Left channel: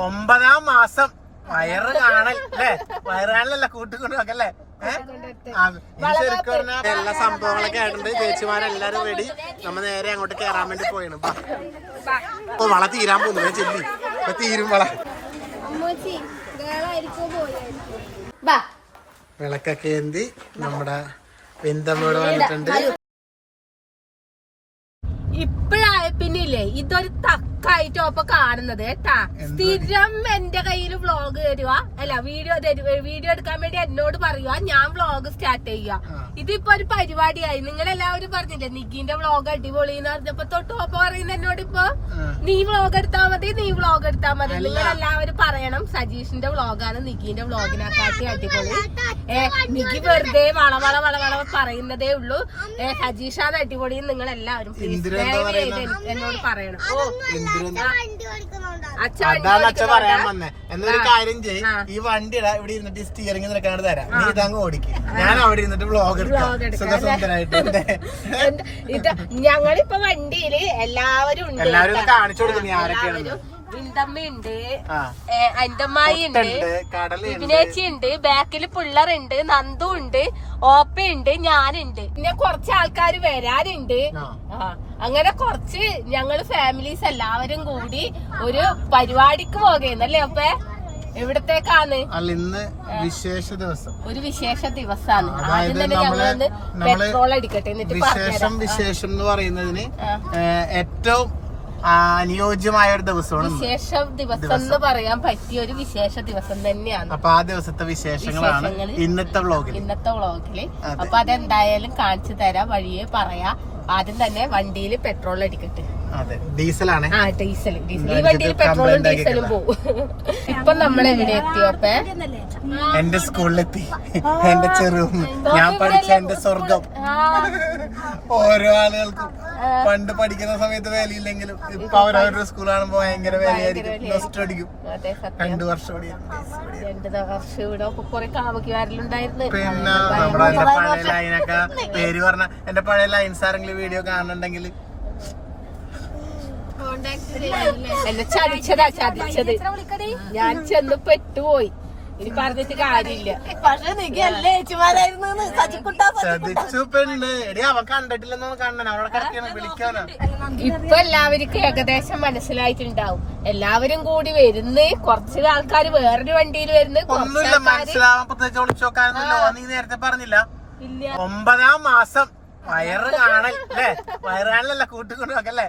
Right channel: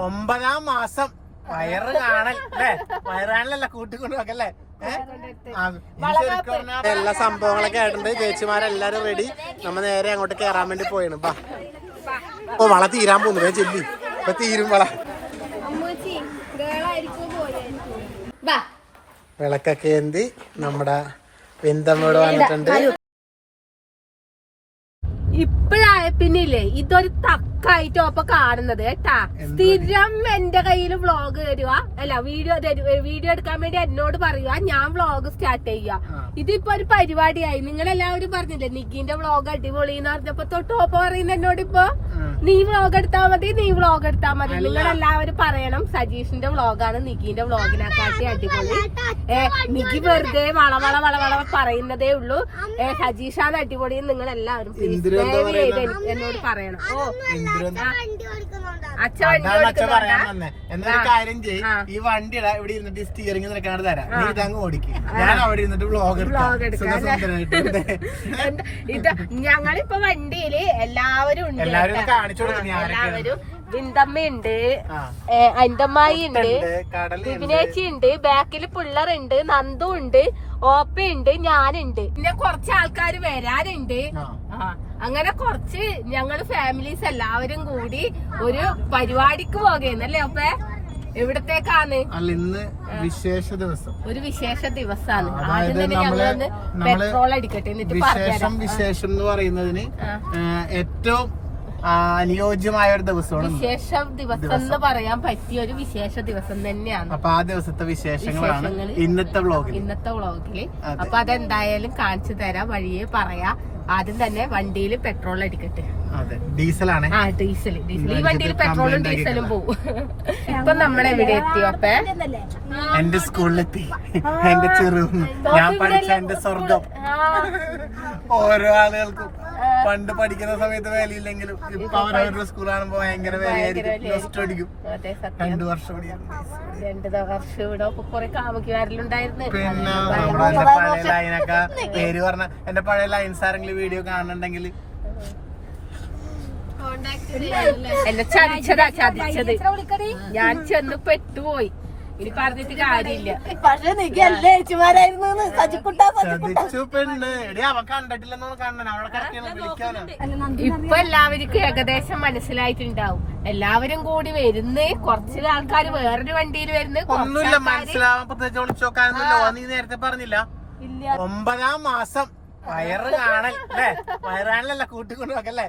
9ാം മാസം വയറ് കാണൽ അല്ലേ? വയറ് കാണലല്ല, കൂട്ടിക്കൊണ്ട് നോക്കല്ലേ? ശരിക്കും പറഞ്ഞാൽ എല്ലാ സംഭവങ്ങളൊക്കെ ആയിട്ടുണ്ട്. ചേച്ചിമാരെല്ലാരും റെഡി. നമ്മ നേരെ അങ്ങോട്ട് കേറാൻ വേണ്ടി പോയാണ്. ഓ, വള തീരാൻ പോകുന്നു. ചെല്ലി ഇപ്പൊ തീരും വള. വിളക്കൊക്കെ എന്തി നമ്മുടെ വെന്തമ്മയോട് വന്നിട്ടുണ്ട്. ഇപ്പഴായ പിന്നില്ലേ ഇതൊരു തക്കായിട്ട് ഒപ്പം കാണുന്നത് കേട്ടാ. സ്ഥിരം എന്റെ കയ്യില് വ്ളോഗ് തരുക, അല്ല വീഡിയോ എടുക്കാൻ വേണ്ടി എന്നോട് പറയുക, ഞാൻ വ്ളോഗ് സ്റ്റാർട്ട് ചെയ്യുക. ഇതിപ്പോ ഒരു പരിപാടിയായി. നിങ്ങളെല്ലാവരും പറഞ്ഞില്ലേ നിക്കിന്റെ വ്ളോഗ് അടിപൊളി എന്ന് പറഞ്ഞപ്പോ തൊട്ട് ഒപ്പം പറയുന്ന എന്നോട് ഇപ്പൊ നീ വ്ളോഗ് എടുത്താ മതി, നീ വ്ളോഗ് എടുത്താ മതി. നിങ്ങളെല്ലാവരും പറയണം സജീഷിന്റെ വ്ളോഗാണ് നിക്കിന്റെ വ്ളോഗിനെക്കാട്ടി അടിപൊളി. നിക്കി വെറുതെ വള പറയുന്നതേ ഉള്ളൂ. സജീഷാണ് അടിപൊളി. നിങ്ങൾ എല്ലാവരും എന്നോട് പറയണം. എന്നൊരു കാര്യം ചെയ്യും, ഈ വണ്ടിയുടെ ഇവിടെ ഇരുന്നിട്ട് സ്റ്റിയറിംഗ് നിനക്കാണ് തരാം, നീ ഇതങ്ങ് ഓടിക്കും, ഞാൻ അവിടെ ഇരുന്നിട്ട് വ്ളോഗ് ഞങ്ങളിപ്പോ വണ്ടിയില് എല്ലാവരും ഉണ്ട്. കാണിച്ചു കൊടുക്കും. വിന്തമ്മയുണ്ട്, അന്തമ്മായി ഉണ്ട്, വിപിനേച്ചി ഉണ്ട്, ബാക്കില് പിള്ളറുണ്ട്, നന്ദു ഉണ്ട്, ഓപ്പയുണ്ട്, ഞാനുണ്ട്, പിന്നെ കുറച്ച് ആൾക്കാർ വരാനുണ്ട്. അങ്ങനെ കുറച്ച് ഞങ്ങള് ഫാമിലീസ് എല്ലാവരും കൂടി ഒരു പരിപാടിക്ക് പോകുന്നല്ലേ ഒപ്പേ? എവിടത്തേക്കാണ്? ഇന്ന് വിശേഷ ദിവസം, ഒരു വിശേഷ ദിവസമാണ്. ആദ്യം തന്നെ ഞങ്ങളൊന്ന് പെട്രോൾ അടിക്കട്ടെ, എന്നിട്ട് വിശേഷം എന്ന് പറയുന്നതിന് ഏറ്റവും അനുയോജ്യമായ ഒരു ദിവസമാണ് വിശേഷ ദിവസം എന്ന് പറയാൻ പറ്റിയ ഒരു വിശേഷ ദിവസം തന്നെയാണ്. അപ്പൊ ആ ദിവസത്തെ വിശേഷങ്ങളാണ് ഇന്നത്തെ വ്ളോഗില്. അപ്പൊ അതെന്തായാലും കാണിച്ചു തരാം, വഴിയെ പറയാം. ആദ്യം തന്നെ വണ്ടിയിൽ പെട്രോൾ അടിക്കട്ടെ. ഡീസലാണ്. ഡീസൽ ഈ വണ്ടിയിൽ പെട്രോളും ഡീസലും പോകും. ഇപ്പൊ നമ്മളെവിടെ എത്തിയോപ്പേ? എന്റെ സ്കൂളിലെത്തി, എന്റെ ചെറുപ്പം, ഞാൻ പഠിച്ച എന്റെ സ്വർഗം. ഓരോ ആളുകൾക്കും പണ്ട് പഠിക്കുന്ന സമയത്ത് വിലയില്ലെങ്കിലും ഇപ്പൊ അവരവരുടെ സ്കൂൾ കാണുമ്പോ ഭയങ്കര വിലയായിരിക്കും. 2 വർഷം പിന്നെ നമ്മുടെ എന്റെ പഴയ ലൈനൊക്കെ പേര് പറഞ്ഞ എന്റെ പഴയ ലൈൻസ് ആരെങ്കിലും വീഡിയോ കാണുന്നുണ്ടെങ്കിൽ എന്നെ ചതിച്ചത് ഞാൻ ചെന്ന് പെട്ടുപോയി. ഇനി പറഞ്ഞിട്ട് കാര്യമില്ല. ചതിച്ചു പെണ്ണ്. അവൻ കണ്ടിട്ടില്ലെന്നോ കാണണം, അവളെ കിടക്കാണ് വിളിക്കാനാ. ഇപ്പൊ എല്ലാവർക്കും ഏകദേശം മനസ്സിലായിട്ടുണ്ടാവും. എല്ലാവരും കൂടി വരുന്ന്, കുറച്ച് ആൾക്കാർ വേറൊരു വണ്ടിയിൽ വരുന്ന്. ഒന്നുമില്ല, മനസ്സിലാവാൻ പ്രത്യേകിച്ച് ഒളിച്ചു നോക്കാനൊന്നുമില്ല. നീ നേരത്തെ പറഞ്ഞില്ല 9ാം മാസം വയറ് കാണൽ അല്ലേ? വയറ് കാണലല്ല, കൂട്ടിക്കൊണ്ട് നോക്കല്ലേ?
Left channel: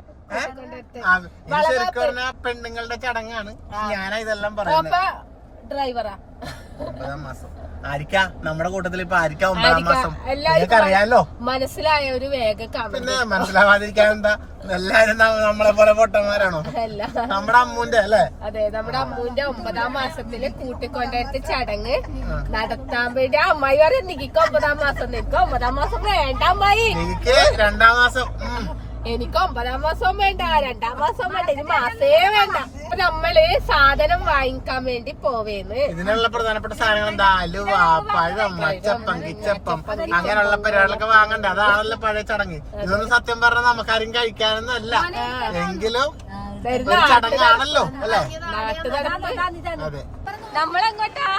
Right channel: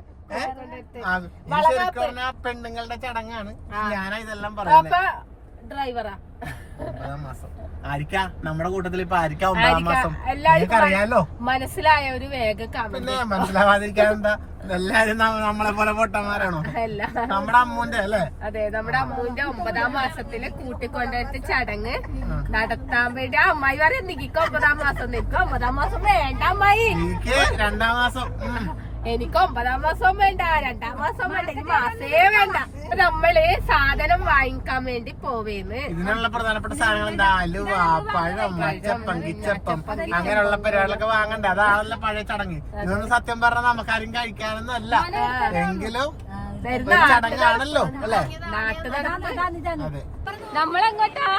ശരിക്കും പറഞ്ഞ പെണ്ണുങ്ങളുടെ ചടങ്ങാണ്. ഞാനാ ഇതെല്ലാം പറയുന്നത്. ഡ്രൈവറാ 9ാം മാസം ആയിരിക്കാം നമ്മുടെ കൂട്ടത്തിൽ. ഇപ്പൊ ആയിരിക്കാം 9ാം മാസം. അറിയാലോ, മനസ്സിലായ ഒരു വേഗം. പിന്നെ മനസ്സിലാവാതിരിക്കാൻ എന്താ? എല്ലാരും നമ്മളെ പോലെ പൊട്ടന്മാരാണോ? നമ്മുടെ അമ്മൂന്റെ അല്ലേ? അതെ, നമ്മുടെ അമ്മൂന്റെ 9ാം മാസത്തില് കൂട്ടിക്കൊണ്ടടുത്ത് ചടങ്ങ് നടത്താൻ വേണ്ടി അമ്മായി പറയാം നിക്ക് 9ാം മാസം. നിനക്ക് 9ാം മാസം വേണ്ട അമ്മായി, എനിക്ക് 2ാം മാസം. എനിക്ക് 9ാം മാസം വേണ്ട, 2ാം മാസം വേണ്ട, ഇനി മാസേ വേണ്ട. നമ്മള് സാധനം വാങ്ങിക്കാൻ വേണ്ടി പോവേന്ന്. ഇതിനുള്ള പ്രധാനപ്പെട്ട സാധനങ്ങൾ എന്താ? അലുവ, പഴം, മച്ചപ്പം, കിച്ചപ്പം, അങ്ങനെയുള്ള പരിപാടികളൊക്കെ വാങ്ങണ്ടേ? അതാണല്ലോ പഴയ ചടങ്ങ്. ഇതൊന്നും സത്യം പറഞ്ഞാൽ നമുക്കാരും കഴിക്കാനൊന്നും അല്ല, എങ്കിലും ചടങ്ങാണല്ലോ അല്ലേ? നാട്ടു നടപ്പ്. അതെ. നമ്മളെങ്ങോട്ടാ?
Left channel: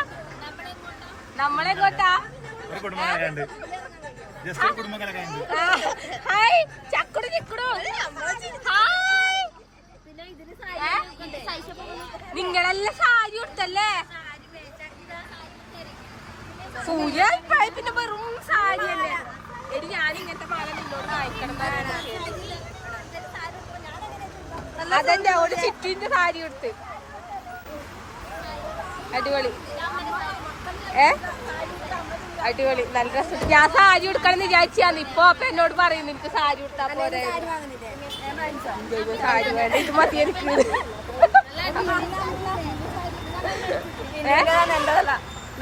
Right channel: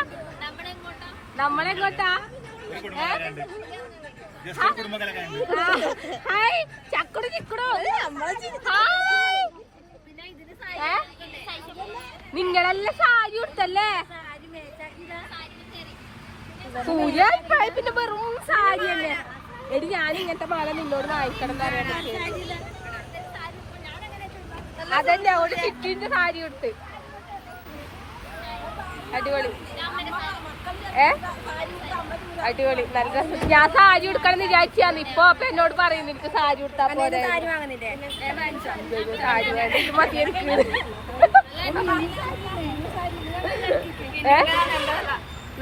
ഹായ് ചക്കുടു ചിക്കുടു. നിങ്ങളെല്ലാം സാരി കൊടുത്തല്ലേ? സൂര്യ പിന്നെ വെറും സാരിയല്ലേ? ഞാൻ ഇങ്ങനത്തെ മാല നിന്നോട് വാങ്ങിക്കണം എന്ന് പറയാൻ പറ്റിയ അതന്നെ. ഒരു ചിറ്റിന്റെ സാരി കൊടുത്ത് അടിപൊളി. അടിപൊളി, നല്ല രസം. ഞാൻ സാരി കൊടുക്കണം എന്ന് വിചാരിച്ചാന്ന്. ഇപ്പൊ അപ്പൊ എന്നോട് പറയുന്നു എനിക്ക് സാരി കൊടുത്താ പോരെ. സാരി വേണ്ട, ഇത് മതി എനിക്ക്.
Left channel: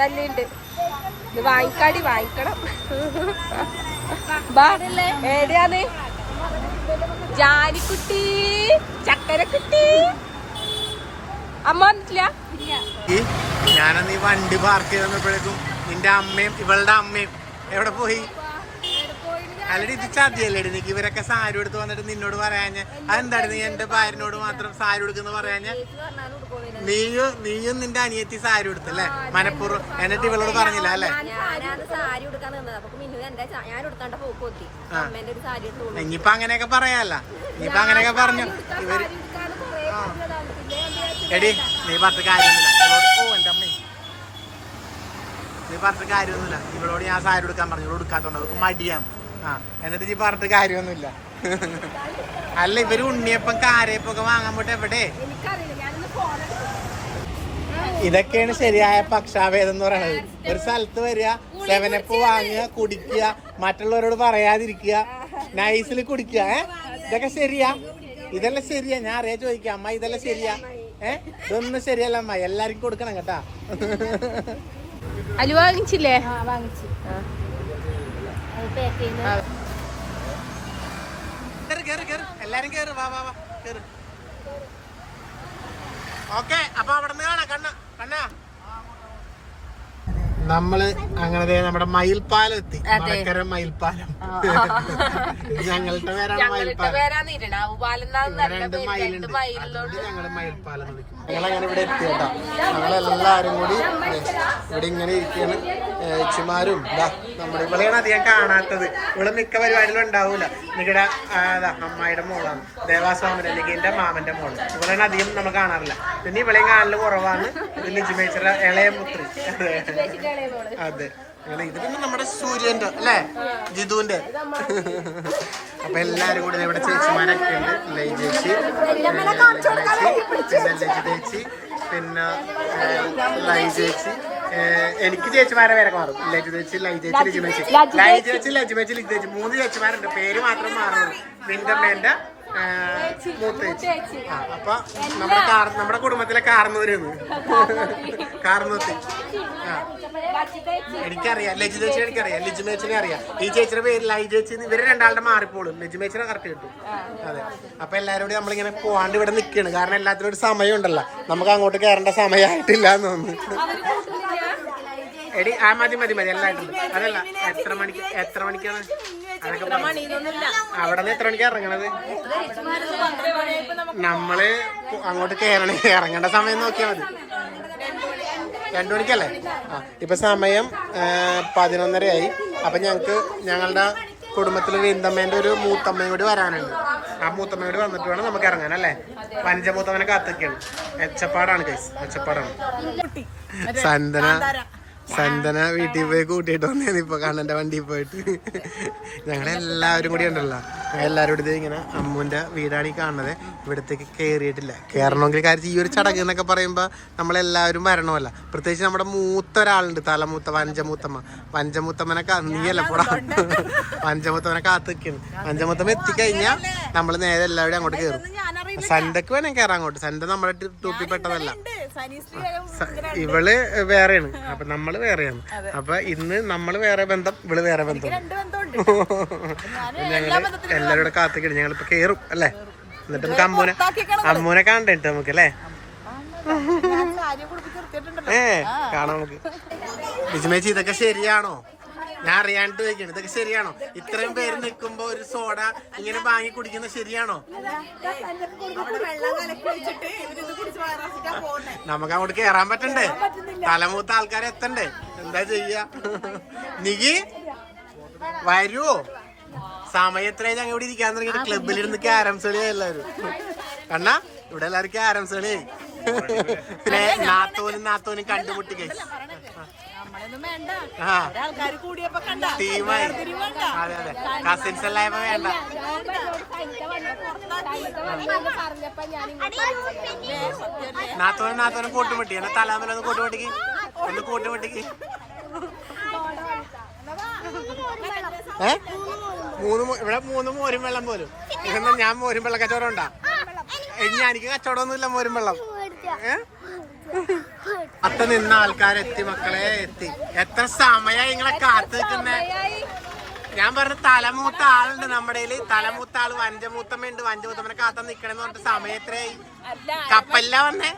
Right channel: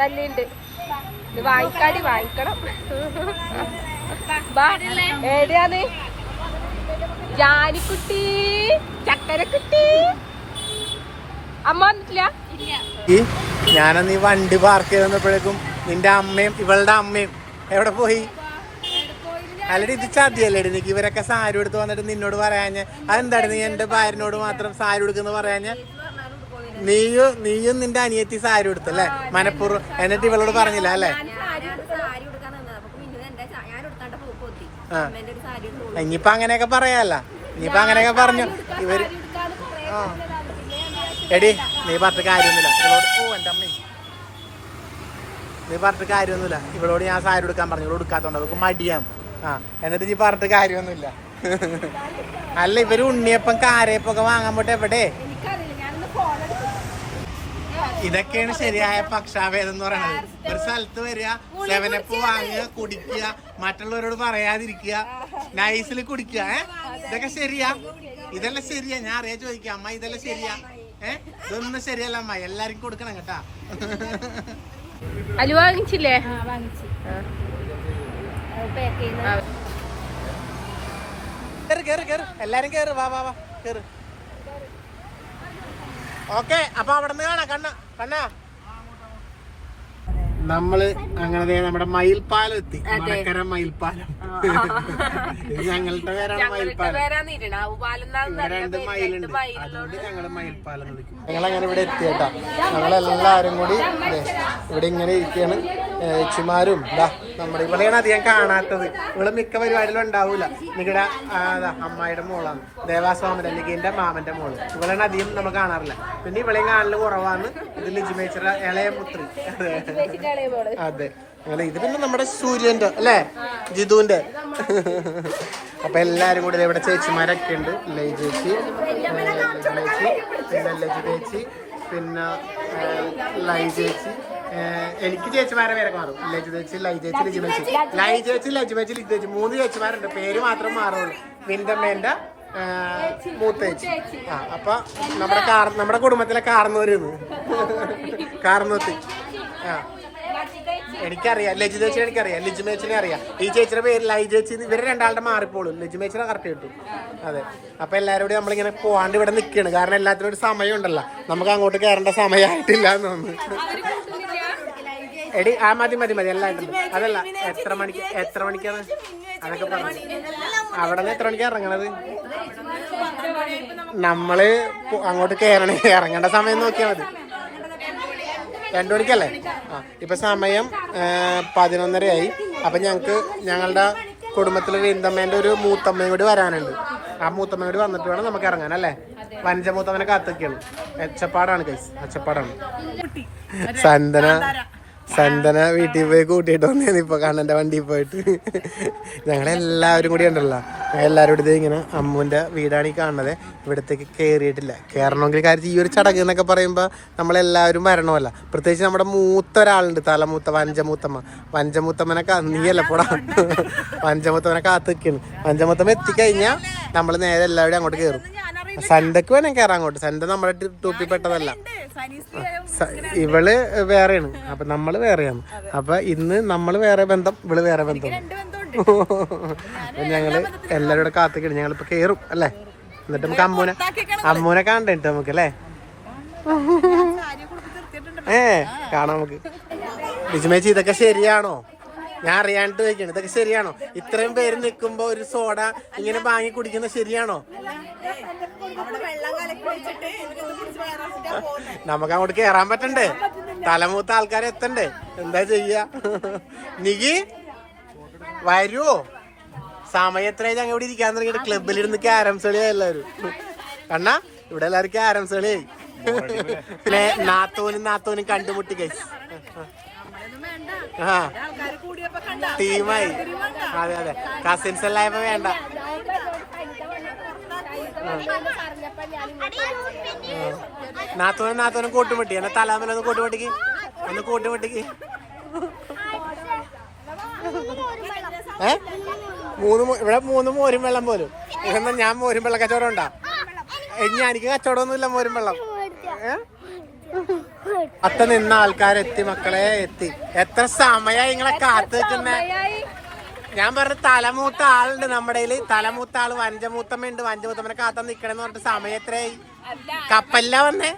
നല്ലുണ്ട്. ഇത് വാങ്ങിക്കണം. ഏടിയാന്ന്? ജാനിക്കുട്ടി, ചക്കരക്കുട്ടി. അമ്മ വന്നിട്ടില്ല. ഞാനന്ന് ഈ വണ്ടി പാർക്ക് ചെയ്ത് വന്നപ്പോഴേക്കും നിന്റെ അമ്മയും ഇവളുടെ അമ്മയും എവിടെ പോയി? അല്ലടി, ഇത് ചതിയല്ലേ? നിനക്ക് ഇവരൊക്കെ സാരി എടുത്ത് വന്നിട്ട് നിന്നോട് പറയാഞ്ഞ അതെന്താണ്? നീ എന്റെ ഭാര്യനോട് മാത്രം സാരി എടുക്കുന്ന പറയാഞ്ഞ? നീയും നിന്റെ അനിയത്തി സാരി എടുത്തല്ലേ മനപ്പൂർവ്വം, എന്നിട്ട് ഇവളോട് പറഞ്ഞില്ല അല്ലേ? ഇനിയിപ്പൊ അങ്ങനെയൊക്കെ പറയാല്ല, ഇനിയിപ്പൊ അങ്ങനെയൊക്കെ പറഞ്ഞു ഇവര്. എടി നീ പറഞ്ഞിട്ട് കാര്യമൊന്നുമില്ല ഇവളോട്. ഓ എന്റെ അമ്മ, നീ പറഞ്ഞിട്ട് കാര്യമൊന്നുമില്ല ഇവളോട്. ഞാൻ സാരി എടുക്കാൻ പറഞ്ഞു, ഇവളോട് എടുക്കാത്തോണ്ട് അവർക്ക് മടിയാണ്. എന്നിട്ട് നീ പറഞ്ഞിട്ട് കാര്യമൊന്നുമില്ല. അല്ല ഇവര് ഉണ്ണിയപ്പം കാരയപ്പൊക്കെ വാങ്ങാൻ പോട്ടെ എവിടെ? ഇതൊക്കെയാണ് ശരിയായ പക്ഷാഭേദം എന്ന് പറയുന്നത്. ഒരു സ്ഥലത്ത് വരിക, 7up വാങ്ങുക, കുടിക്കുക, മറ്റുള്ളവരോട് പറയാതിരിക്കുക, നൈസിൽ കുടിക്കുക. ഇതൊക്കെ ശരിയാ? ഇതെല്ലാം ശരിയാ? ഞാൻ അറിയാ ചോദിക്കാം അമ്മ, ഇതെല്ലാം ശരിയാ? ഇതൊന്നും ശരിയല്ല അമ്മ, എല്ലാവർക്കും കൊടുക്കണം കേട്ടാ. അലു വാങ്ങിച്ചില്ലേ? എല്ലാരും കേറ്, വാ വാ വാ കേറ്. ഓക്കെ, അപ്പൊ അവിടെ നിന്ന് കാണാം. കണ്ണാ നമ്മള് അങ്ങനെ നമ്മുടെ മയിൽപ്പാലം എത്തി. മടക്കര മയിൽപ്പാലം. ഞങ്ങളുടെ പേരാണ് മയിൽപ്പാലം. ഞങ്ങള് മയിൽപ്പാലം വിളിക്കും. ഞങ്ങളങ്ങനെ ഇവിടെ എത്തി കേട്ടാ. ഞങ്ങളെല്ലാരും കൂടി ഇവിടെ ഇങ്ങനെ ഇരിക്കുകയാണ്. ഏച്ചിമാരും നമ്മുടെ ഇവളെയാണ് അധികം കാണാത്തത്. ഇവിടെ മിക്ക പരിപാടികളും ഉണ്ടാവൂല. നിങ്ങളുടെ അമ്മായിയുടെ മോളാണ്, ദേവാസ്വാമിയുടെ അല്ലെങ്കിൽ എന്റെ മാമന്റെ മോള്. ഇവളെയാണ് അധികം നമ്മൾ കാണാറില്ല. പിന്നെ ഇവളെയും കാണല് കുറവാണ്. ഇത് ലിജുമേച്ചിയുടെ ഇളയ പുത്രി. അതെ, അങ്ങനെ ഇത് പിന്നെ നമ്മുടെ സൂര്യന്റെ അല്ലേ, ജിതുവിന്റെ. അപ്പൊ എല്ലാരും കൂടി ഇവിടെ ചേച്ചിമാരൊക്കെ ഉണ്ട്. ലൈ ചേച്ചി, പിന്നെ ലജു ചേച്ചി, പിന്നെ ലൈ ചേച്ചി. എനിക്ക് ചേച്ചിമാരെ പേരൊക്കെ മാറും. ലജു ചേച്ചി, ലൈ ചേച്ചി, ലിജുമേച്ചി. ലൈ ചേച്ചി, ലജുമേച്ചി, ലിജു ചേച്ചി 3 ചേച്ചിമാരുണ്ട്. പേര് മാത്രം മാറുള്ളൂ. നിന്റെ അമ്മേന്റെ മൂത്ത ചേച്ചി. അപ്പൊ നമ്മുടെ കുടുംബത്തിലെ കാർന്നൂരുന്ന് കാർന്നൂത്തി. എനിക്കറിയാം ലജു ചേച്ചി, എനിക്കറിയാം ലിജുമേച്ചിനെ അറിയാം. ഈ ചേച്ചിയുടെ പേര് ലൈ ചേച്ചി. ഇവര് രണ്ടാളുടെ മാറിപ്പോളും. ലിജുമേച്ചിനെ കറക്റ്റ് കിട്ടും. അതെ, അപ്പൊ എല്ലാവരും കൂടി നമ്മളിങ്ങനെ പോവാണ്ട് ഇവിടെ നിൽക്കുകയാണ്. കാരണം എല്ലാത്തിനും ഒരു സമയം ഉണ്ടല്ലോ. നമുക്ക് അങ്ങോട്ട് കയറേണ്ട സമയമായിട്ടില്ല എന്ന് തോന്നുന്നു. എടി മതി എല്ലായിട്ടുണ്ട്. അതല്ല എത്ര മണിക്കാണ് അതൊക്കെ പറഞ്ഞു. അവിടെ നിന്ന് എത്ര മണിക്കാണ് ഇറങ്ങണത്? നമ്മള് അങ്ങോട്ട് ഇറങ്ങേണ്ട സമയം നോക്കിയാൽ മതി. 2 മണിക്കല്ലേ? ഇപ്പൊ സമയം 11:30 അപ്പൊ ഞങ്ങളുടെ കുടുംബത്തില് വിന്തമ്മേന്റെ ഒരു മൂത്തമ്മയും കൂടി വരാനുണ്ട്. ആ മൂത്തമ്മ കൂടി വന്നിട്ട് വേണം നമുക്ക് ഇറങ്ങാൻ അല്ലേ? പഞ്ചമൂത്തമ്മനെ കാത്തൊക്കെയാണ്. ഒച്ചപ്പാടാണ് കൈസ്, ഒച്ചപ്പാടാണ്. സന്തന വീട്ടിൽ പോയി കൂട്ടിയിട്ട് വന്നേന്ന് ഇപ്പൊ കണ്ണന്റെ വണ്ടിയിൽ പോയിട്ട്. ഞങ്ങളെല്ലാവരും കൂടി ഉണ്ടല്ലോ, എല്ലാവരും കൂടി ഇങ്ങനെ അമ്മുവിന്റെ വീടാണ് ഈ കാണുന്നത്. ഇവിടത്തേക്ക് കയറിയിട്ടില്ല. കയറണമെങ്കിൽ കാര്യത്തിൽ ഈ ഒരു ചടങ്ങ് എന്നൊക്കെ പറയുമ്പോൾ നമ്മളെല്ലാവരും വരണമല്ല. പ്രത്യേകിച്ച് നമ്മുടെ മൂത്ത ഒരാളുണ്ട്, തലമൂത്ത വഞ്ചമൂത്തമ്മനെ നീയല്ല പോടാ. വഞ്ചമൂത്തമ്മനെ കാത്ത് നിൽക്കുന്നു. വഞ്ചമൂത്തമ്മ എത്തിക്കഴിഞ്ഞാൽ നമ്മൾ നേരെ എല്ലാവരും അങ്ങോട്ട് കയറും. സന്ധ്യക്ക് വേണം കയറാൻ അങ്ങോട്ട്. സന്ധ്യ നമ്മുടെ ടൂപ്പിപ്പെട്ടതല്ല, ഇവള് വേറെയാണ്. അപ്പൊ നമ്മള് വേറെയാണ്. അപ്പൊ ഇന്ന് നമ്മള് വേറെ ബന്ധം, ഇവള് വേറെ ബന്ധം. ഞങ്ങള് എല്ലാരും കൂടെ കാത്തിക്കണം. ഞങ്ങളിപ്പോ കേറും അല്ലേ? എന്നിട്ട് നമുക്ക് അമ്മൂനെ കാണണ്ടേ നമുക്ക് അല്ലേ? കാണാം നമുക്ക്. ലിജുമേച്ചി ഇതൊക്കെ ശരിയാണോ? ഞാൻ അറിയാണ്ട് ചോദിക്കണം, ഇതൊക്കെ ശരിയാണോ? ഇത്രയും പേര് നിൽക്കുമ്പോ ഒരു സോഡ ഇങ്ങനെ വാങ്ങി കുടിക്കുന്നത് ശരിയാണോ? നമുക്ക് അങ്ങോട്ട് കേറാൻ പറ്റണ്ടേ? തലമൂത്ത ആൾക്കാരെ എത്തണ്ടേ? എന്താ ചെയ്യാ? നികി വരുവോ? സമയം എത്രയായി ഞങ്ങൾ ഇവിടെ ഇരിക്കാൻ തുടങ്ങിയിട്ട്? ക്ലബിലിരുന്ന് ക്യാരംസ് കളിയാ എല്ലാവരും. കണ്ണാ ഇവിടെ എല്ലാവരും ക്യാരംസ് കളിയായി. പിന്നെ നാത്തോനും കണ്ടുമുട്ടി കഴിച്ചു. ടീമായി. അതെ കസിൻസ് എല്ലാം വേണ്ട. നാത്തോനും കൂട്ടുമുട്ടി. എന്നാ തലാമലൊന്ന് കൂട്ടുമുട്ടിക്ക്, ഒന്ന് കൂട്ടുമുട്ടിക്ക്. ഇവിടെ 3 മോരും വെള്ളം പോലും. ഇതെന്നാ ഞാൻ മോരും വെള്ളം കച്ചവടം ഉണ്ടാ? എനിക്ക് കച്ചവടമൊന്നുമില്ല മോരും വെള്ളം. നിന്ന ആൾക്കാരെത്തി മക്കളെ, എത്തി. എത്ര സമയമായി നിങ്ങളെ കാത്തു നിൽക്കുന്നേ? ഞാൻ പറഞ്ഞ തലമൂത്ത ആളുണ്ട് നമ്മുടെ കയ്യില്. തലമൂത്ത ആള് വഞ്ചമൂത്തമ്മയുണ്ട്. വഞ്ചമൂത്തമ്മനെ കാത്താൻ നിക്കണെന്ന് പറഞ്ഞിട്ട് സമയം എത്രയായി? കപ്പല്ല വന്നേ?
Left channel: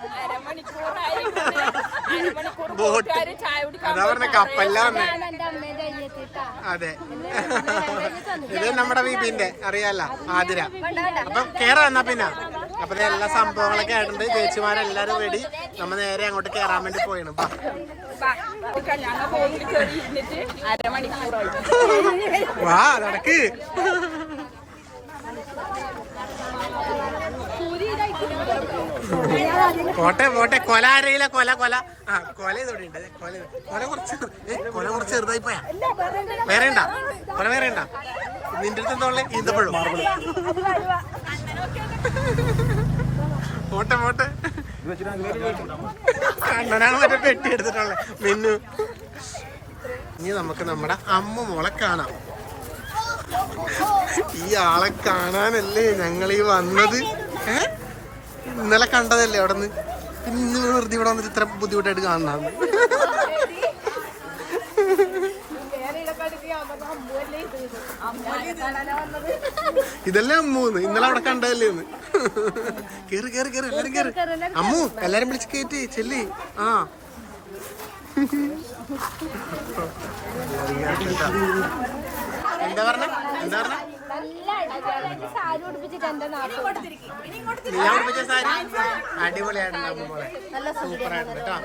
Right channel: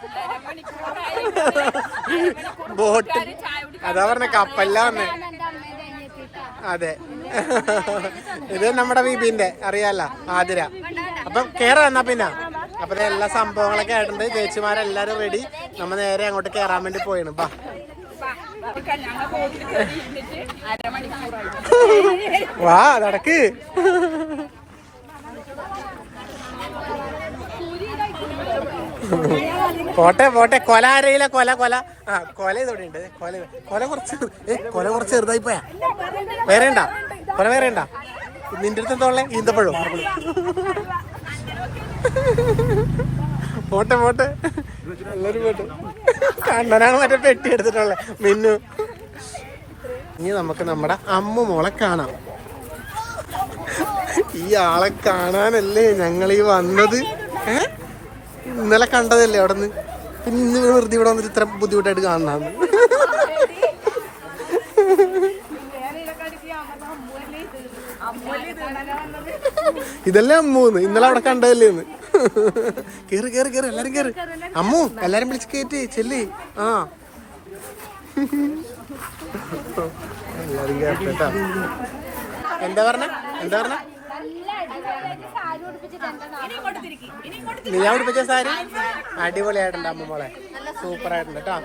ബോട്ട്. അതാ പറഞ്ഞ കപ്പല്ല വന്നേ. അതെ, ഇത് നമ്മുടെ വിപിന്റെ അറിയാലോ, ആതിര. അപ്പം കേറാ എന്നാ പിന്നെ അപ്പൊ എല്ലാ സംഭവങ്ങളൊക്കെ ആയിട്ടുണ്ട്. ചേച്ചിമാരെല്ലാരും റെഡി. നമ്മ നേരെ അങ്ങോട്ട് കേറാൻ വേണ്ടി പോയിണ്. വാ നടക്ക്. പോട്ടെ പോട്ടെ. കൊല ആരെയില്ല. കൊല കൊല ആ കൊല ഇതോടെ ഉണ്ട്. കൊല കുറച്ച് ചെറുതായി പോയാ. വേറെ ഉണ്ടാ കൊല? വേറെ ഉണ്ടാ? നിന്റെ അടുത്ത് എന്തോളെ? ഈന്തപ്പഴം. പോട്ടെ പോട്ടെ. എല്ലാരും പോട്ടെ. കണ്ണനാണ് മറ്റേ പെട്ടി എടുത്തിട്ടുള്ളേ മിന്നു. ഇനി നമുക്ക് നമ്മുടെ അമ്മു മോളെ കാണാം. ഈ ആളെ കാണാനല്ലേ ഞങ്ങളീ വന്നത്. ഇന്നലെ കണ്ടതല്ലേ അവിടെ നിന്ന്. പിന്നെ ഇന്ന് വെറുതെ ഇവിടെ വന്നിട്ട് ഇത്ര ബുദ്ധിമുട്ടായിട്ട് കാണാന്ന്. ഇതല്ലേ അമ്മൂന്ന്. ഇന്നലെ അവിടെ കണ്ടതല്ലേ എന്ന്. കേറി കേറി കേറി എല്ലാരും കേറി. അമ്മു എല്ലാരും വിളിച്ച് കേറ്റി ചെല്ലി. ആ എല്ലാരും കേട്ടാ. എന്താ പറഞ്ഞ? നീ ഉടുപ്പിച്ച സാരി അടിപൊളിയായിട്ടുണ്ട് അമ്മ മോളെ. സൂപ്പർ ആയിട്ടുണ്ട് കേട്ടോ.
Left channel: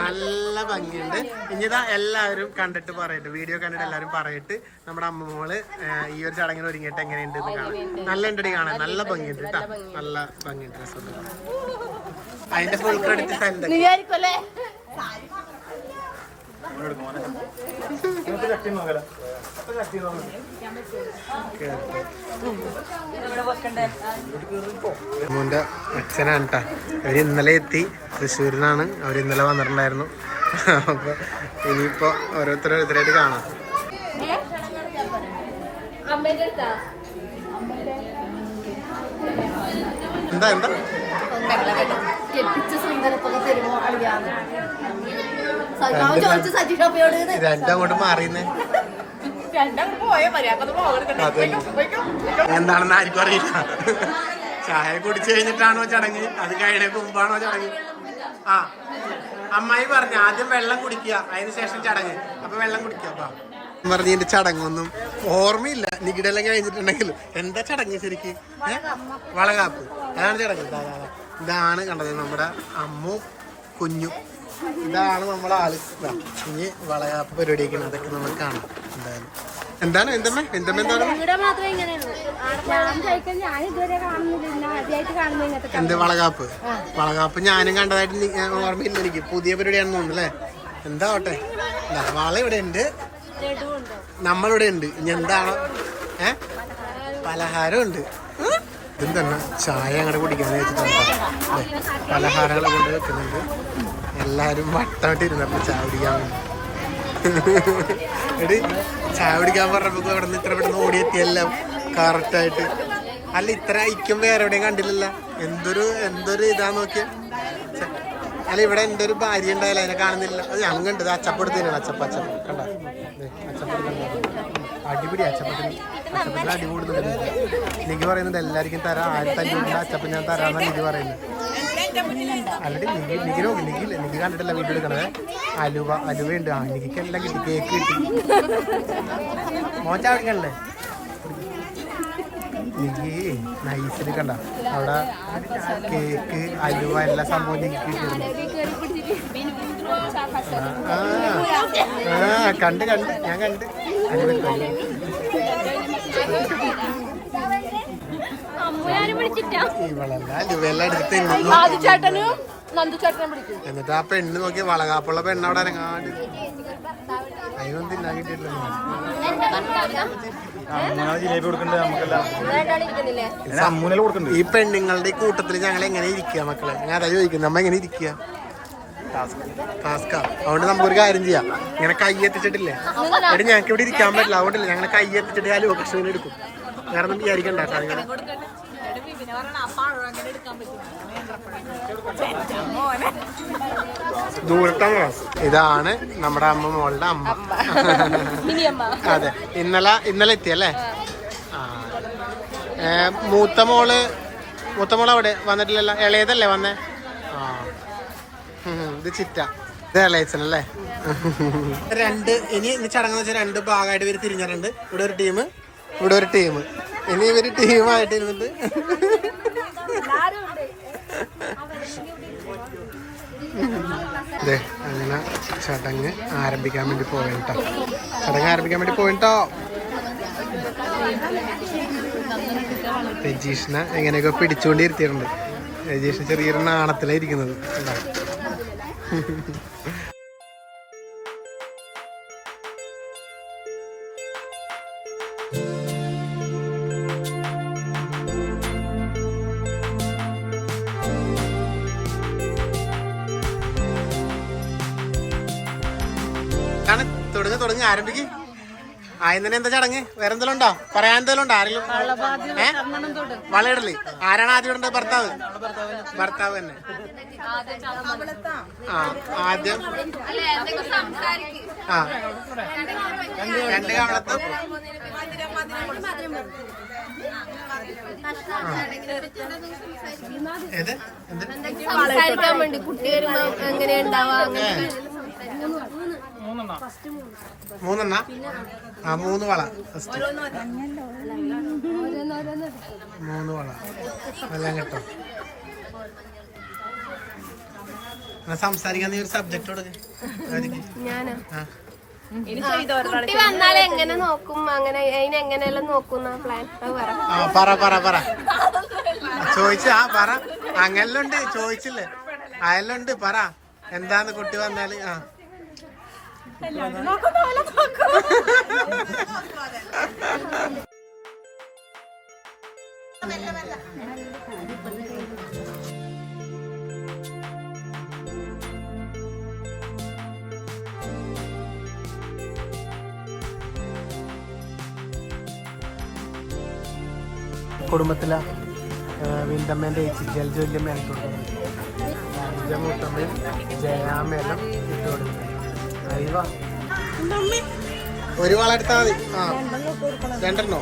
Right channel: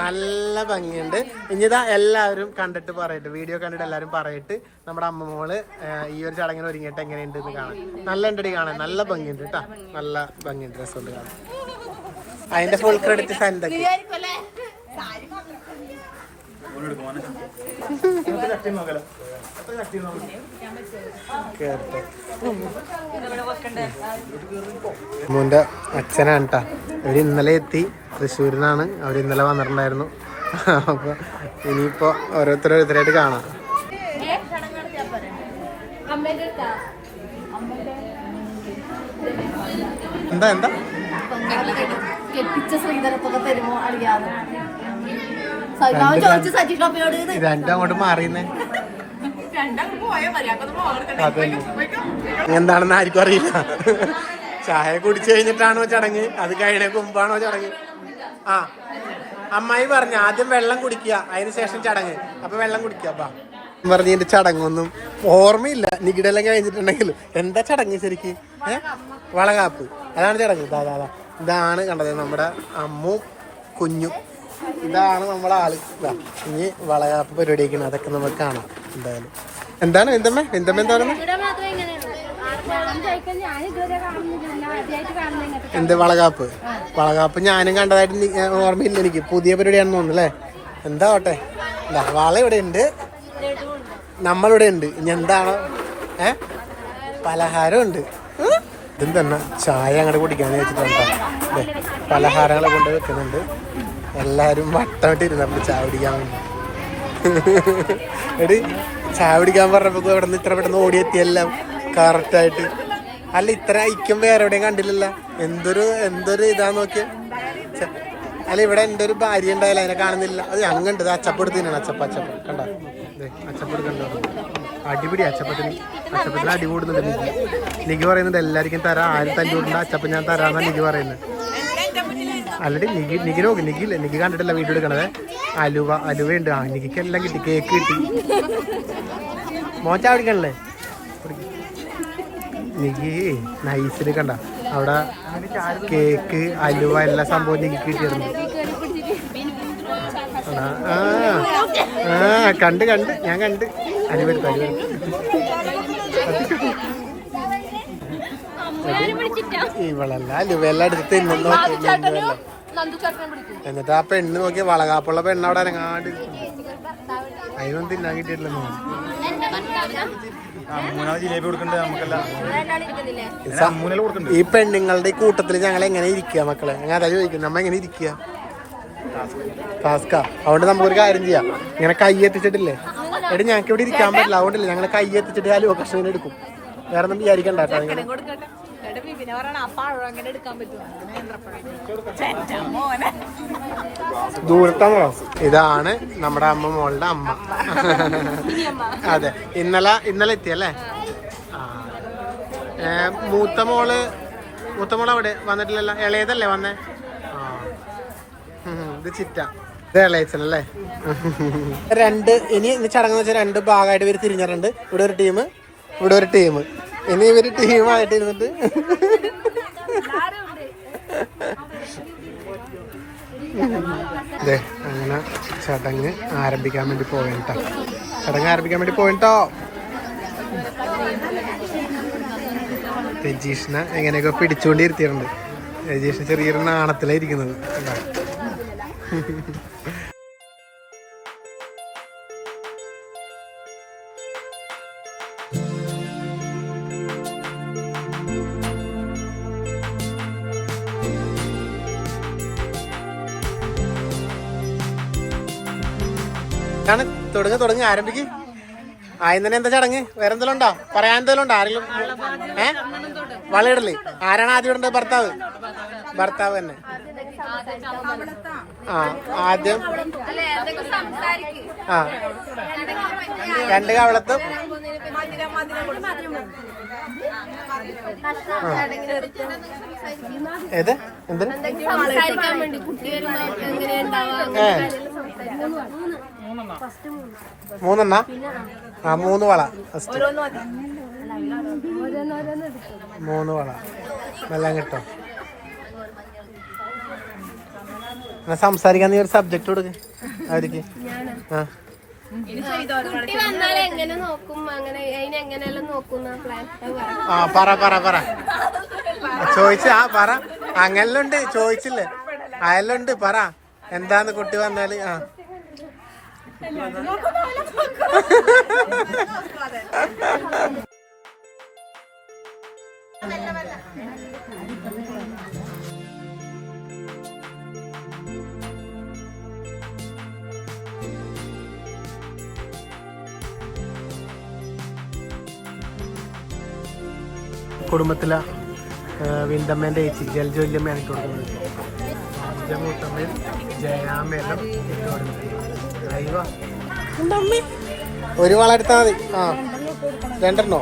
നല്ല ഭംഗിയുണ്ട്. ഇനിതാ എല്ലാവരും കണ്ടിട്ട് പറയട്ടെ, വീഡിയോ കണ്ടിട്ട് എല്ലാവരും പറയട്ട് നമ്മുടെ അമ്മ മോള് ഈ ഒരു ചടങ്ങിന് ഒരുങ്ങിയിട്ട് എങ്ങനെയുണ്ട് എന്ന് കാണാൻ. നല്ല ഉണ്ടടി കാണാൻ. നല്ല ഭംഗിയുണ്ട് കേട്ടോ. നല്ല ഭംഗിയുണ്ട്. രസമുണ്ട് കാണാൻ. അതിന്റെ ഫുൾ ക്രെഡിറ്റ് സന്ധ്യ. മോന്റെ അച്ഛനാണ് കേട്ടാ. അവര് ഇന്നലെ എത്തി. തൃശ്ശൂരിനാണ് അവർ. ഇന്നലെ വന്നിട്ടുണ്ടായിരുന്നു. അപ്പൊ ഇനിയിപ്പോ ഓരോരുത്തരായിട്ട് കാണാം. എന്താ എന്താ രണ്ടും അങ്ങോട്ട് മാറിയുന്നേ. എന്താണെന്ന് ആർക്കും അറിയില്ല. ചായ കുടിച്ചു കഴിഞ്ഞിട്ടാണോ ചടങ്ങ്? അത് കഴിഞ്ഞ മുമ്പാണോ ചടങ്ങ്? ആ അമ്മായി പറഞ്ഞു ആദ്യം വെള്ളം കുടിക്കുക, അതിനുശേഷം ചടങ്ങ്. അപ്പൊ വെള്ളം കുടിക്കുക പറഞ്ഞ എന്റെ ചടങ്ങൊന്നും ഓർമ്മയില്ല. നികിടെല്ലാം കഴിഞ്ഞിട്ടുണ്ടെങ്കിലും എന്താ ചടങ്ങ് ശരിക്ക്? വളകാപ്പ്. അതാണ് ചടങ്ങ്. ഇതാണ് കണ്ടത് നമ്മുടെ അമ്മു കുഞ്ഞു. ഇതാണ് നമ്മളെ ആള്. ഇനി വളകാപ്പ് പരിപാടിയൊക്കെയാണ്. അതൊക്കെ നമുക്ക് കാണാം എന്തായാലും. എന്താണ് എന്തമ്മ എന്താ എന്ത് വളകാപ്പ്? വളകാപ്പ് ഞാനും കണ്ടതായിട്ട് ഓർമ്മയില്ല എനിക്ക്. പുതിയ പരിപാടിയാണെന്ന് തോന്നുന്നു അല്ലേ? എന്താ ഓട്ടെ. എന്താ വള ഇവിടെ ഉണ്ട്, നമ്മളിവിടെ ഉണ്ട്. ഇനി എന്താണോ പലഹാരം ഉണ്ട്. ഇതും തന്നെ ചായ അങ്ങോട്ട് കുടിക്കാന്ന് വെച്ചിട്ടുണ്ടോ. അതെ പലഹാരങ്ങളെ കൊണ്ട് വെക്കുന്നുണ്ട്. എല്ലാരും വട്ടമിട്ട് ഇരുന്നപ്പോൾ ചായ കുടിക്കാൻ വേണ്ടി. എടി ചായ കുടിക്കാൻ പറഞ്ഞപ്പോ ഇവിടെ നിന്ന് ഇത്ര പെട്ടെന്ന് ഓടിയെത്തിയെല്ലാം കറക്റ്റായിട്ട്. അല്ല ഇത്ര ഐക്യം വേറെ എവിടെയും കണ്ടില്ലല്ലോ. എന്തൊരു ഇതാ നോക്കിയ. അല്ല ഇവിടെ എൻ്റെ ഒരു ഭാര്യ ഉണ്ടായാലും അതിനെ കാണുന്നില്ല. അത് അങ്ങണ്ട് അച്ചപ്പെടുത്ത് തന്നെയാണ്. അച്ചപ്പ കണ്ട അച്ചപ്പട് കണ്ടോ. അടിപിടി അച്ചപ്പത്തിന് അടി കൂടുന്നുണ്ട്. നിക്ക് പറയുന്നുണ്ട് എല്ലാവർക്കും തരാം, ആരും തല്ലുകൊണ്ട് അച്ചപ്പൻ ഞാൻ തരാമെന്നാണ് നിക്ക് പറയുന്നത്. അല്ലടി നിക്ക് കണ്ടിട്ടില്ല വീഡിയോ എടുക്കണത്. അലുവയുണ്ട്. നിക്ക് എല്ലാം കിട്ടി. കേക്ക് കിട്ടി. മോച്ചാ പിടിക്കണല്ലേ? നിക്ക് നൈസിൽ കണ്ട അവിടെ കേക്ക് അലുവ എല്ലാ സംഭവം നിക്ക് കിട്ടിയിരുന്നു. കണ്ട് ഞാൻ കണ്ട്. അലുവ ഇവളല്ല അലുവെല്ലാം എടുത്ത് തിന്നു. എന്നിട്ട് ആ പെണ്ണ് നോക്കി വളകാപ്പുള്ള പെണ്ണ് അവിടെ അനങ്ങാണ്ട്. അതിനൊന്നും തിന്നാൻ കിട്ടിയിട്ടില്ല. ഈ പെണ്ണുങ്ങളുടെ ഈ കൂട്ടത്തില് ഞങ്ങൾ എങ്ങനെ ഇരിക്കുക മക്കളെ? ഞാൻ അതാ ചോദിക്കുന്നത്. നമ്മ എങ്ങനെ ഇരിക്കുക? ടാസ്കാ. അതുകൊണ്ട് നമുക്കൊരു കാര്യം ചെയ്യാം. ഇങ്ങനെ കൈ എത്തിച്ചിട്ടില്ലേ എടി, ഞങ്ങൾക്ക് ഇവിടെ ഇരിക്കാൻ പറ്റില്ല. അതുകൊണ്ടില്ല ഞങ്ങൾ കൈ എത്തിച്ചിട്ട് അലുവ കഷ്ണം എടുക്കും. വേറെ ഒന്നും വിചാരിക്കണ്ട കേട്ടോ നിങ്ങള്. ദൂരത്താണോ? ഇതാണ് നമ്മുടെ അമ്മ മോളുടെ അമ്മ. അതെ ഇന്നലെ എത്തിയല്ലേ? മൂത്ത മോള് അവിടെ വന്നിട്ടില്ലല്ലോ. ഇളയതല്ലേ വന്നേ? ആ ഇത് ചിറ്റ. ഇത് ഇളയച്ചനല്ലേ? ഇനി ചടങ്ങെന്ന് വെച്ചാൽ 2 ഭാഗമായിട്ട് ഇവര് തിരിഞ്ഞിട്ടുണ്ട്. ഇവിടെ ഒരു ടീം, ഇവിടെ ഒരു ടീം. ഇനി ഇവര് ടീമായിട്ട് ഇരുന്നിട്ട് അതെ അങ്ങനെ ചടങ്ങ് ആരംഭിക്കാൻ വേണ്ടി പോയിട്ടോ. ചടങ്ങ് ആരംഭിക്കാൻ വേണ്ടി പോയിട്ടോ. രജീഷിനെ എങ്ങനെയൊക്കെ പിടിച്ചുകൊണ്ടിരുത്തിയിട്ടുണ്ട്. രജീഷ് ചെറിയൊരു നാണത്തിലായിരിക്കുന്നത്. തുടങ്ങി ആരംഭിക്ക്. ആദ്യം തന്നെ എന്താ ചടങ്ങ്? വേറെ എന്തെങ്കിലും ഉണ്ടോ? പറയാൻ എന്തെങ്കിലും ഉണ്ടോ? ആരെങ്കിലും വളയിടല്? ആരാണ് ആദ്യം ഇടേണ്ടത്? ഭർത്താവ് തന്നെ. ആദ്യം രണ്ട് കവളത്തും ഏത് എന്തിന് സംസാരിക്കാൻ വേണ്ടി കുട്ടി വരുമ്പോ എങ്ങനെയുണ്ടാവാ? 3 3 വള. ഫസ്റ്റ് 3 വള എല്ലാം കിട്ടും. സംസാരിക്കാൻ നീ ഒരു സബ്ജക്ട് കൊടുക്ക്. കുട്ടി വന്നാൽ എങ്ങനെ നോക്കും? അങ്ങനെ അതിനെങ്ങനെയെല്ലാം നോക്കുന്ന പ്ലാൻ പറ ചോദിച്ച പറ. അങ്ങനെല്ലാം ഉണ്ട്, ചോദിച്ചില്ലേ? അതെല്ലാം ഉണ്ട്, പറ എന്താന്ന് കുട്ടി വന്നാല്. കുടുംബത്തിലെ വിന്തമ്മേൻ്റെ ചേച്ചി ജലജോല്യമ്മയാണ് ഇട്ട് കൊടുക്കുന്നത്. മൂത്തമ്മയും ജയാമ്മയെല്ലാം ഇട്ട് കൊടുക്കുന്നത്. അയ്യോ ഒരു വള എടുത്താൽ മതി. രണ്ടെണ്ണോ?